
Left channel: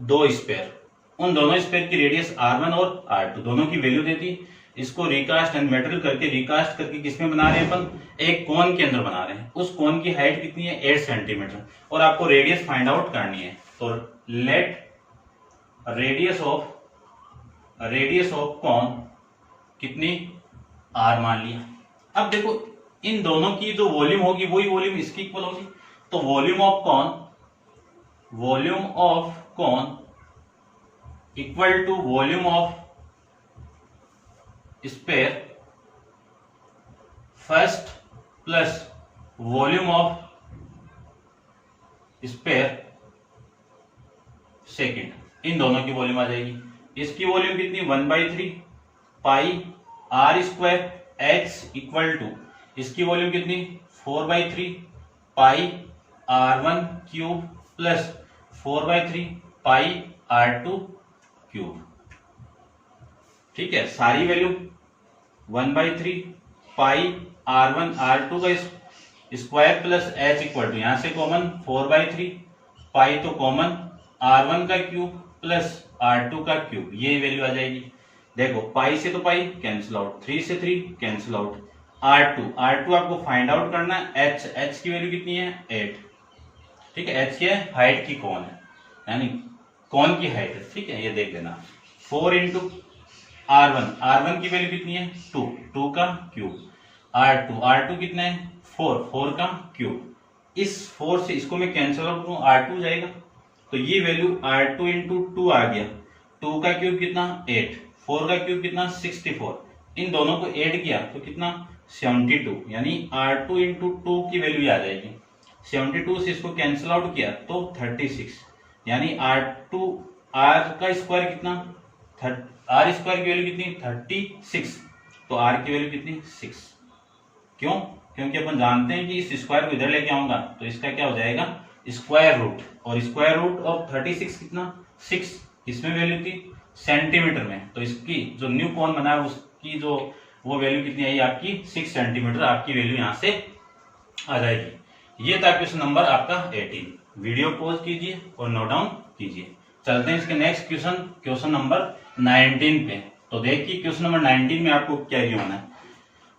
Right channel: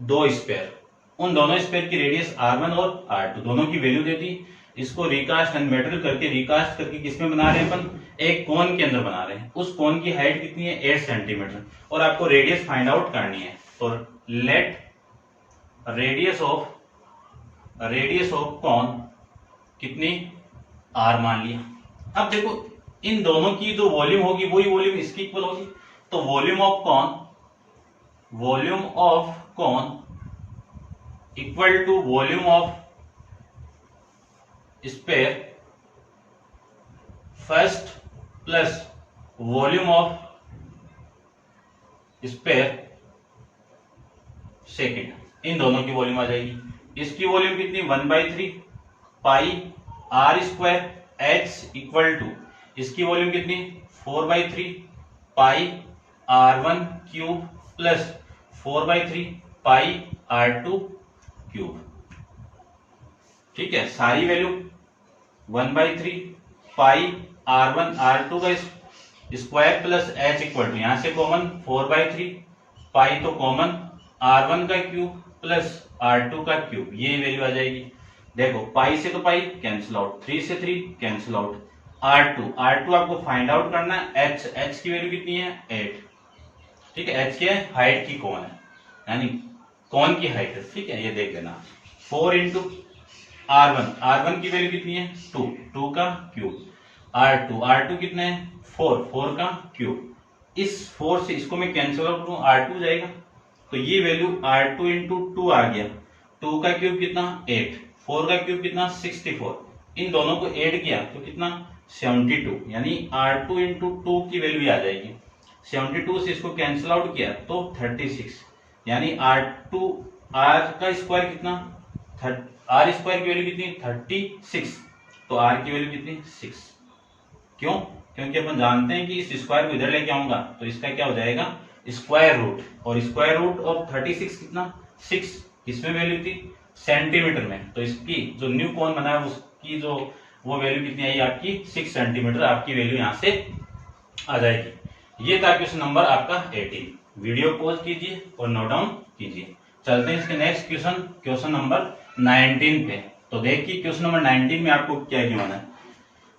दो स्पेयर। उन दोनों स्पेयर की रेडियस r1 और r2 दोनों की वैल्यू देती। इसको रिकास्ट एंड मेटल करके रिकास्ट करके किसमें बना रहे हैं अपन? एक कोन के अंदर बना रहे हैं। उस कोन की हाइट कितनी है? 8 सेंटीमीटर और आपको रेडियस फाइंड आउट करनी है। तो लेट रेडियस ऑफ कॉन कितनी? r मान लिया। अब देखो इन दोनों की जो वॉल्यूम होगी वही वॉल्यूम इसकी इक्वल होगी। तो volume of cone equal to volume of sphere first plus volume of sphere second. इन दोनों की वॉल्यूम आ जाएगी। इसकी वॉल्यूम कितनी? 1/3 pi r square h equal to, इसकी वॉल्यूम कितनी? 4/3 pi r1 cube plus 4/3 pi r2 cube. ठीक है, सारी वैल्यू 1/3 पाई r1 r2 का square plus h equal to, यहां से कॉमन 4/3 पाई तो कॉमन r1 का क्यूब प्लस r2 का क्यूब, ये वैल्यू आ जाएगी। देखो पाई से तो पाई कैंसिल आउट, 3 से 3 कैंसिल आउट। r2 आपको फाइंड आउट करना है। h की वैल्यू कितनी है? 8। ठीक है, h क्या है? हाइट की कौन है, यानी कौन की हाइट है। ठीक है, ये देख लेना। 4 इंटू r1 की वैल्यू कितनी है? 2 का क्यूब। r2 कितना है? 4 का क्यूब। इस 4 से इसको मैं कैंसिल आउट करूं, r2 जाएगा तो ये वैल्यू r2 इंटू 2 आ गया। 2 का क्यूब कितना? 8। 4 का क्यूब कितना? 64। इन दोनों को ऐड किया तो कितना? 72, यानी r2 इंटू 2 की वैल्यू आ जाएगी। 72 से इसको कैंसिल आउट किया तो 36, यानी r का स्क्वायर कितना? r स्क्वायर की वैल्यू कितनी? 36। तो r की वैल्यू कितनी? 6। क्यों? क्योंकि अपन जानते हैं कि इस स्क्वायर को इधर लेके आऊंगा तो इसका क्या हो जाएगा? Square root. और स्क्वायर रूट ऑफ 36 कितना? 6। इसमें वैल्यू थी सेंटीमीटर में, तो इसकी जो न्यू कॉन बना है उसकी जो वो वैल्यू कितनी आई आपकी? 6 सेंटीमीटर। आपकी वैल्यू यहां से आ जाएगी। ये था क्वेश्चन नंबर आपका 18। वीडियो पॉज कीजिए और नोट डाउन कीजिए। चलते हैं इसके नेक्स्ट क्वेश्चन नंबर 19 पे। तो देखिए क्वेश्चन नंबर 19 में आपको क्या गिवन है।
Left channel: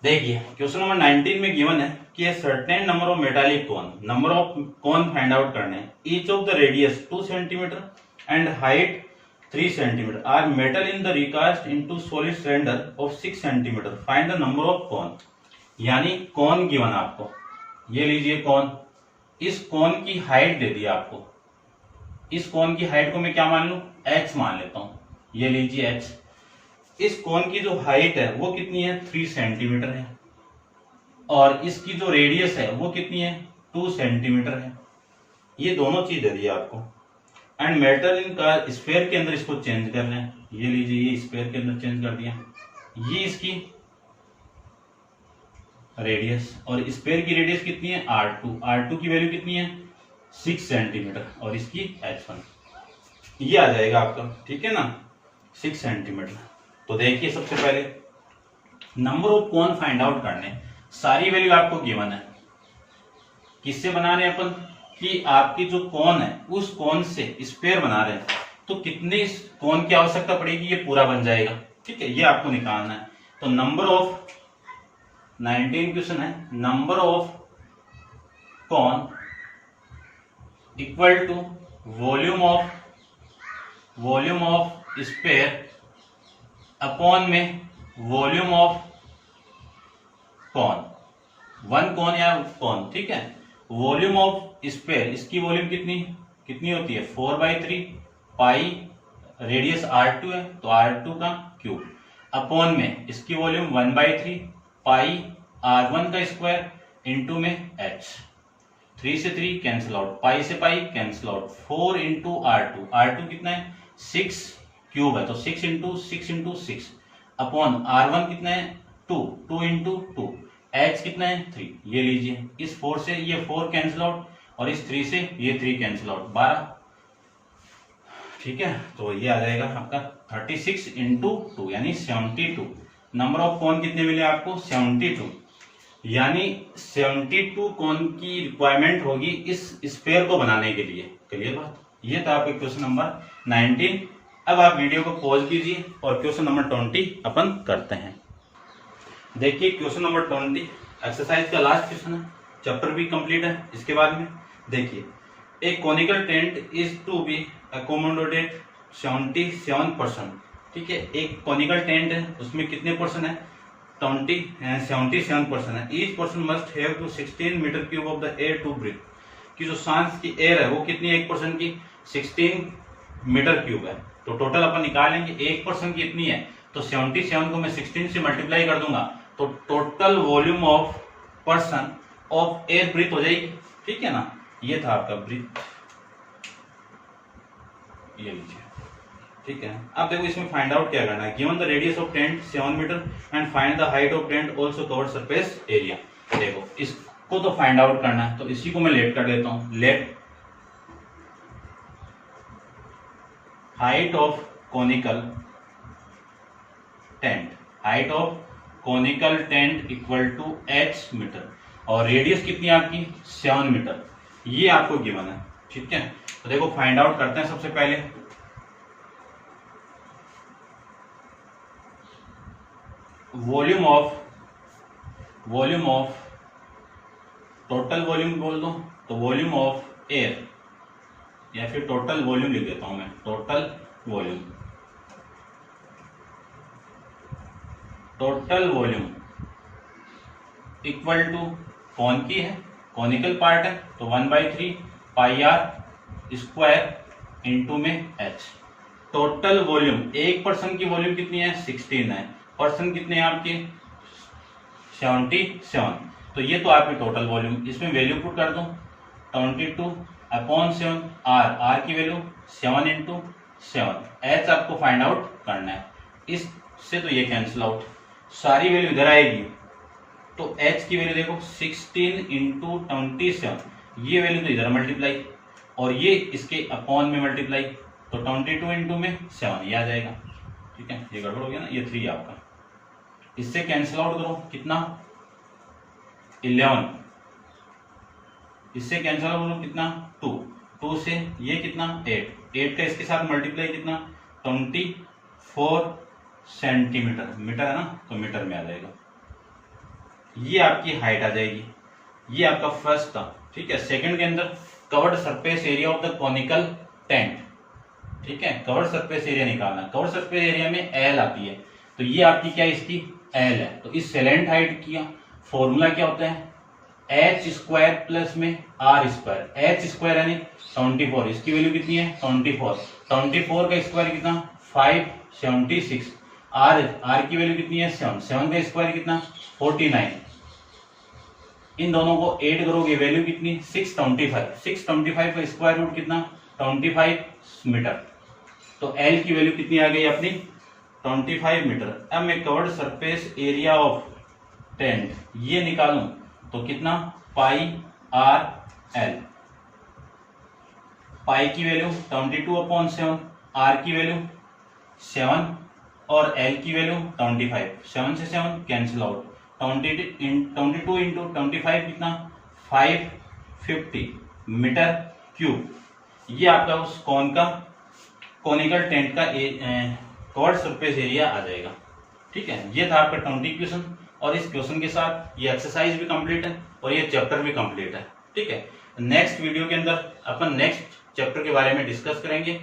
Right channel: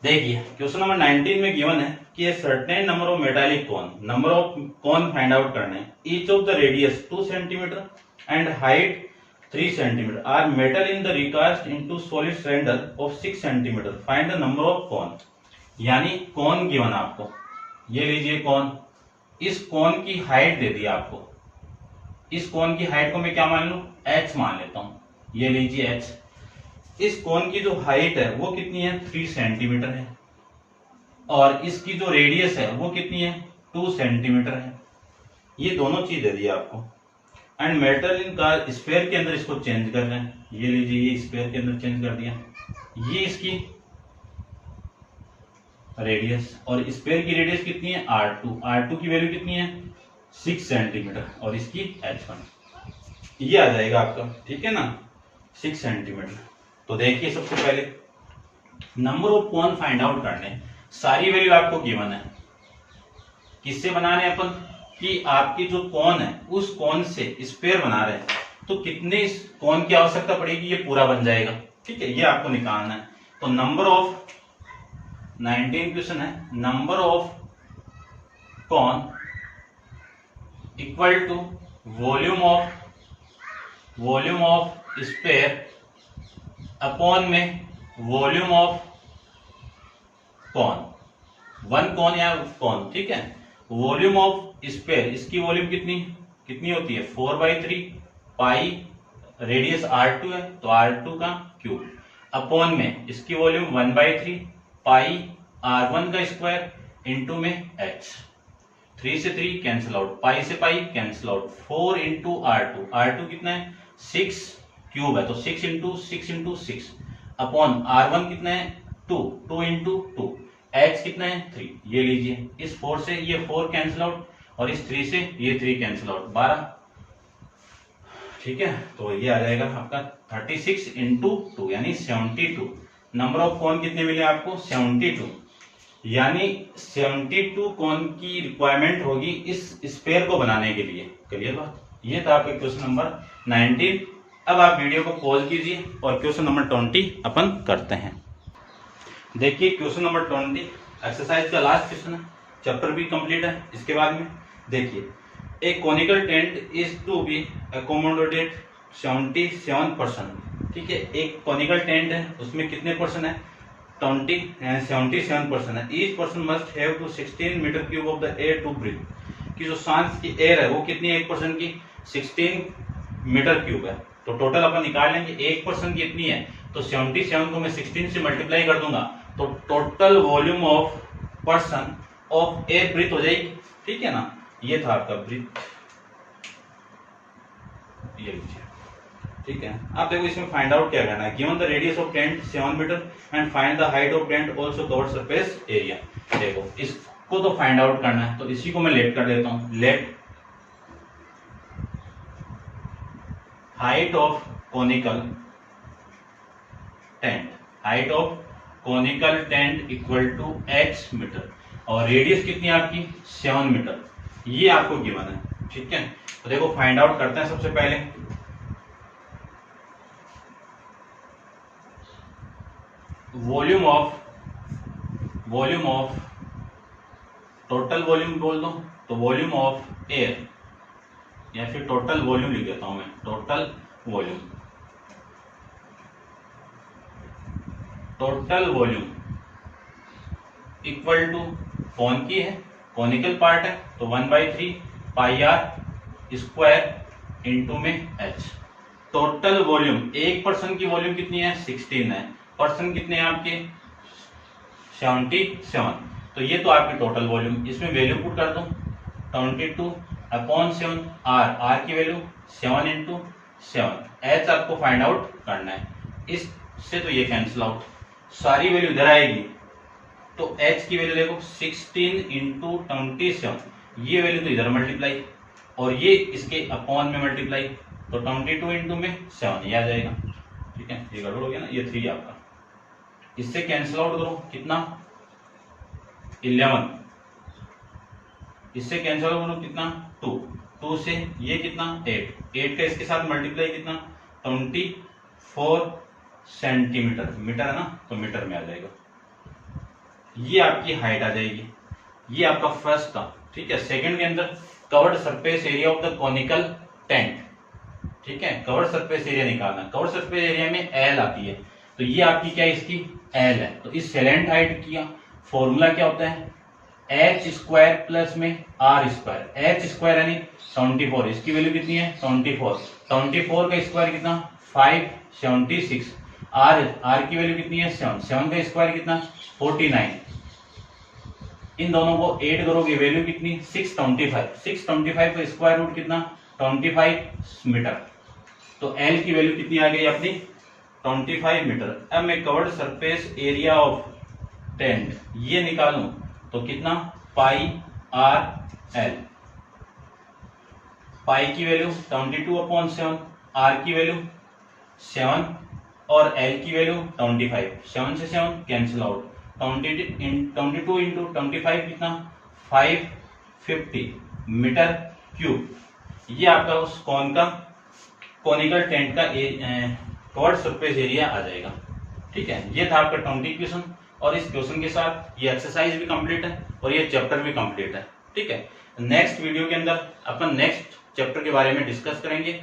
देखिए क्वेश्चन नंबर 19 में गिवन है कि certain number of metallic cone, number of cone find out करने हैं। Each of the radius 2 centimetre and height 3 centimetre are metal in the recast into solid cylinder of 6 centimetre. Find the number of cone, यानी cone given आपको। ये लीजिए कोन, इस कोन की height दे दी आपको। इस कोन की हाइट को मैं क्या मान लूं? h मान लेता हूं। ये लीजिए h। इस कोन की जो हाइट है वो कितनी है? 3 सेंटीमीटर है और इसकी जो रेडियस है वो कितनी है? 2 सेंटीमीटर है। ये दोनों चीज दे दी आपको। एंड मेटल इन का स्फीयर के अंदर इसको चेंज कर रहे हैं। ये लीजिए ये स्फीयर के अंदर चेंज कर दिया। ये इसकी रेडियस, और स्फीयर की रेडियस कितनी है? r2 की वैल्यू कितनी है? 6 सेंटीमीटर और इसकी h1 ये आ जाएगा आपका। ठीक है ना, 6 सेंटीमीटर। तो देखिए सबसे पहले number of cone find out करने। सारी वैल्यू आपको गिवन है। किससे बना रहे हैं अपन? कि आपकी जो कोन है उस कोन से स्फीयर बना रहे हैं तो कितने कोन की आवश्यकता पड़ेगी? ये पूरा बन जाएगा। ठीक है, ये आपको निकालना है। तो नंबर ऑफ 19 क्वेश्चन है, number of cone equal to volume of sphere upon में volume of cone, one cone या कॉन, ठीक है। वॉल्यूम ऑफ स्पेयर, इसकी वॉल्यूम कितनी कितनी होती है 4/3 पाई, रेडियस R2 है तो R2 का क्यूब, अपॉन में इसकी वॉल्यूम 1/3 पाई R1 का स्क्वायर इंटू में h, 3 से 3 कैंसिल आउट, पाई से pi cancel out, 4 into R2, R2 कितना है 6 क्यूब है तो 6 इंटू 6 अपॉन R1 कितना है 2 इंटू 2, h कितना है 3, ये लीजिए इस 4 से ये 4 कैंसिल आउट और इस 3 से ये 3 कैंसिल आउट, 12, ठीक है। तो ये आ जाएगा आपका 36 इंटू 2 यानी 72। नंबर ऑफ कॉन कितने मिले आपको 72, यानी 72 कॉन की रिक्वायरमेंट होगी इस स्पेयर को बनाने के लिए। क्लियर बात, ये था आपका क्वेश्चन नंबर 19। अब आप वीडियो को पॉज कीजिए और क्वेश्चन नंबर 20 अपन करते हैं। देखिए क्वेश्चन नंबर 20 एक्सरसाइज का लास्ट क्वेश्चन है, चैप्टर भी कंप्लीट है। इसके बाद में देखिए एक conical tent is to be accommodated 77%, ठीक है। एक कॉनिकल टेंट है उसमें कितने परसेंट है 77% है। Each person must have to 16 metre cube of the air to breathe, कि जो सांस की एयर है वो कितनी है 1% की 16 मीटर क्यूब है। तो टोटल अपन निकाल लेंगे 1% की इतनी है तो 77 को मैं 16 से मल्टीप्लाई कर दूंगा तो total volume of person of air breathe हो जाएगी, ठीक है ना। ये था आपका ब्रीथ, ये लीजिए, ठीक है। अब देखो इसमें फाइंड आउट क्या करना है, given the radius of tent 7 metre and find the height of tent also covered surface area. देखो इसको तो फाइंड आउट करना है तो इसी को मैं लेट कर देता हूं, let height of conical tent, height of conical tent equal to h metre और रेडियस कितनी है आपकी 7 मीटर, ये आपको गिवन है, ठीक है। तो देखो फाइंड आउट करते हैं सबसे पहले। वॉल्यूम ऑफ टोटल वॉल्यूम बोल दो तो वॉल्यूम ऑफ एयर या फिर टोटल वॉल्यूम लिख देता हूं मैं, टोटल वॉल्यूम इक्वल टू कौन की है कॉनिकल पार्ट है तो 1/3 पाई आर स्क्वायर इंटू में h। टोटल वॉल्यूम, एक पर्सन की वॉल्यूम कितनी है 16 है, पर्सन कितने हैं आपके 77, तो ये तो आपकी टोटल वॉल्यूम। इसमें वैल्यू पुट कर दूं 22 अपॉन 7, आर की वैल्यू 7 इंटू 7, h आपको फाइंड आउट करना है। इससे तो ये कैंसिल आउट, सारी वैल्यू इधर आएगी तो h की वैल्यू देखो 16 इंटू 27, ये वैल्यू तो इधर मल्टीप्लाई और ये इसके अपॉन में मल्टीप्लाई तो 22 इंटू में 7 ये आ जाएगा, ठीक है। ये गड़बड़ हो गया ना, ये 3 आपका, इससे कैंसिल आउट करो कितना 11, इससे कैंसिल आउट करो कितना 2 से ये कितना 8 का इसके साथ मल्टीप्लाई कितना 24 सेंटीमीटर, मीटर है ना तो मीटर में आ जाएगा। ये आपकी हाइट आ जाएगी, ये आपका फर्स्ट था, ठीक है। सेकंड के अंदर covered surface area of the conical tent, ठीक है। कवर्ड सरफेस एरिया निकालना है, कवर्ड सरफेस एरिया में एल आती है तो ये आपकी क्या इसकी एल है। तो इस सेलेंट हाइट का फॉर्मूला क्या होता है h स्क्वायर प्लस में r स्क्वायर, h स्क्वायर यानी 24, इसकी वैल्यू कितनी है 24 का स्क्वायर कितना 576, r की वैल्यू कितनी है 7 का स्क्वायर कितना 49, इन दोनों को ऐड करोगे वैल्यू कितनी 625 का स्क्वायर रूट कितना 25 मीटर, तो L की वैल्यू कितनी आ गई अपनी 25 मीटर। अब मैं covered surface area of tent ये निकालूं तो कितना पाई आर एल, पाई की वैल्यू 22/7, आर की वैल्यू 7 और एल की वैल्यू 25, 7 से 7 कैंसिल आउट, 22 इंटू 25 कितना 550 मीटर क्यूब, ये आपका उस कौन का कॉनिकल टेंट का कवर्ड सरफेस एरिया आ जाएगा, ठीक है। ये था आपका 20 क्वेश्चन और इस क्वेश्चन के साथ ये एक्सरसाइज भी कंप्लीट है और ये चैप्टर भी कंप्लीट है, ठीक है। नेक्स्ट वीडियो के अंदर अपन नेक्स्ट चैप्टर के बारे में डिस्कस करेंगे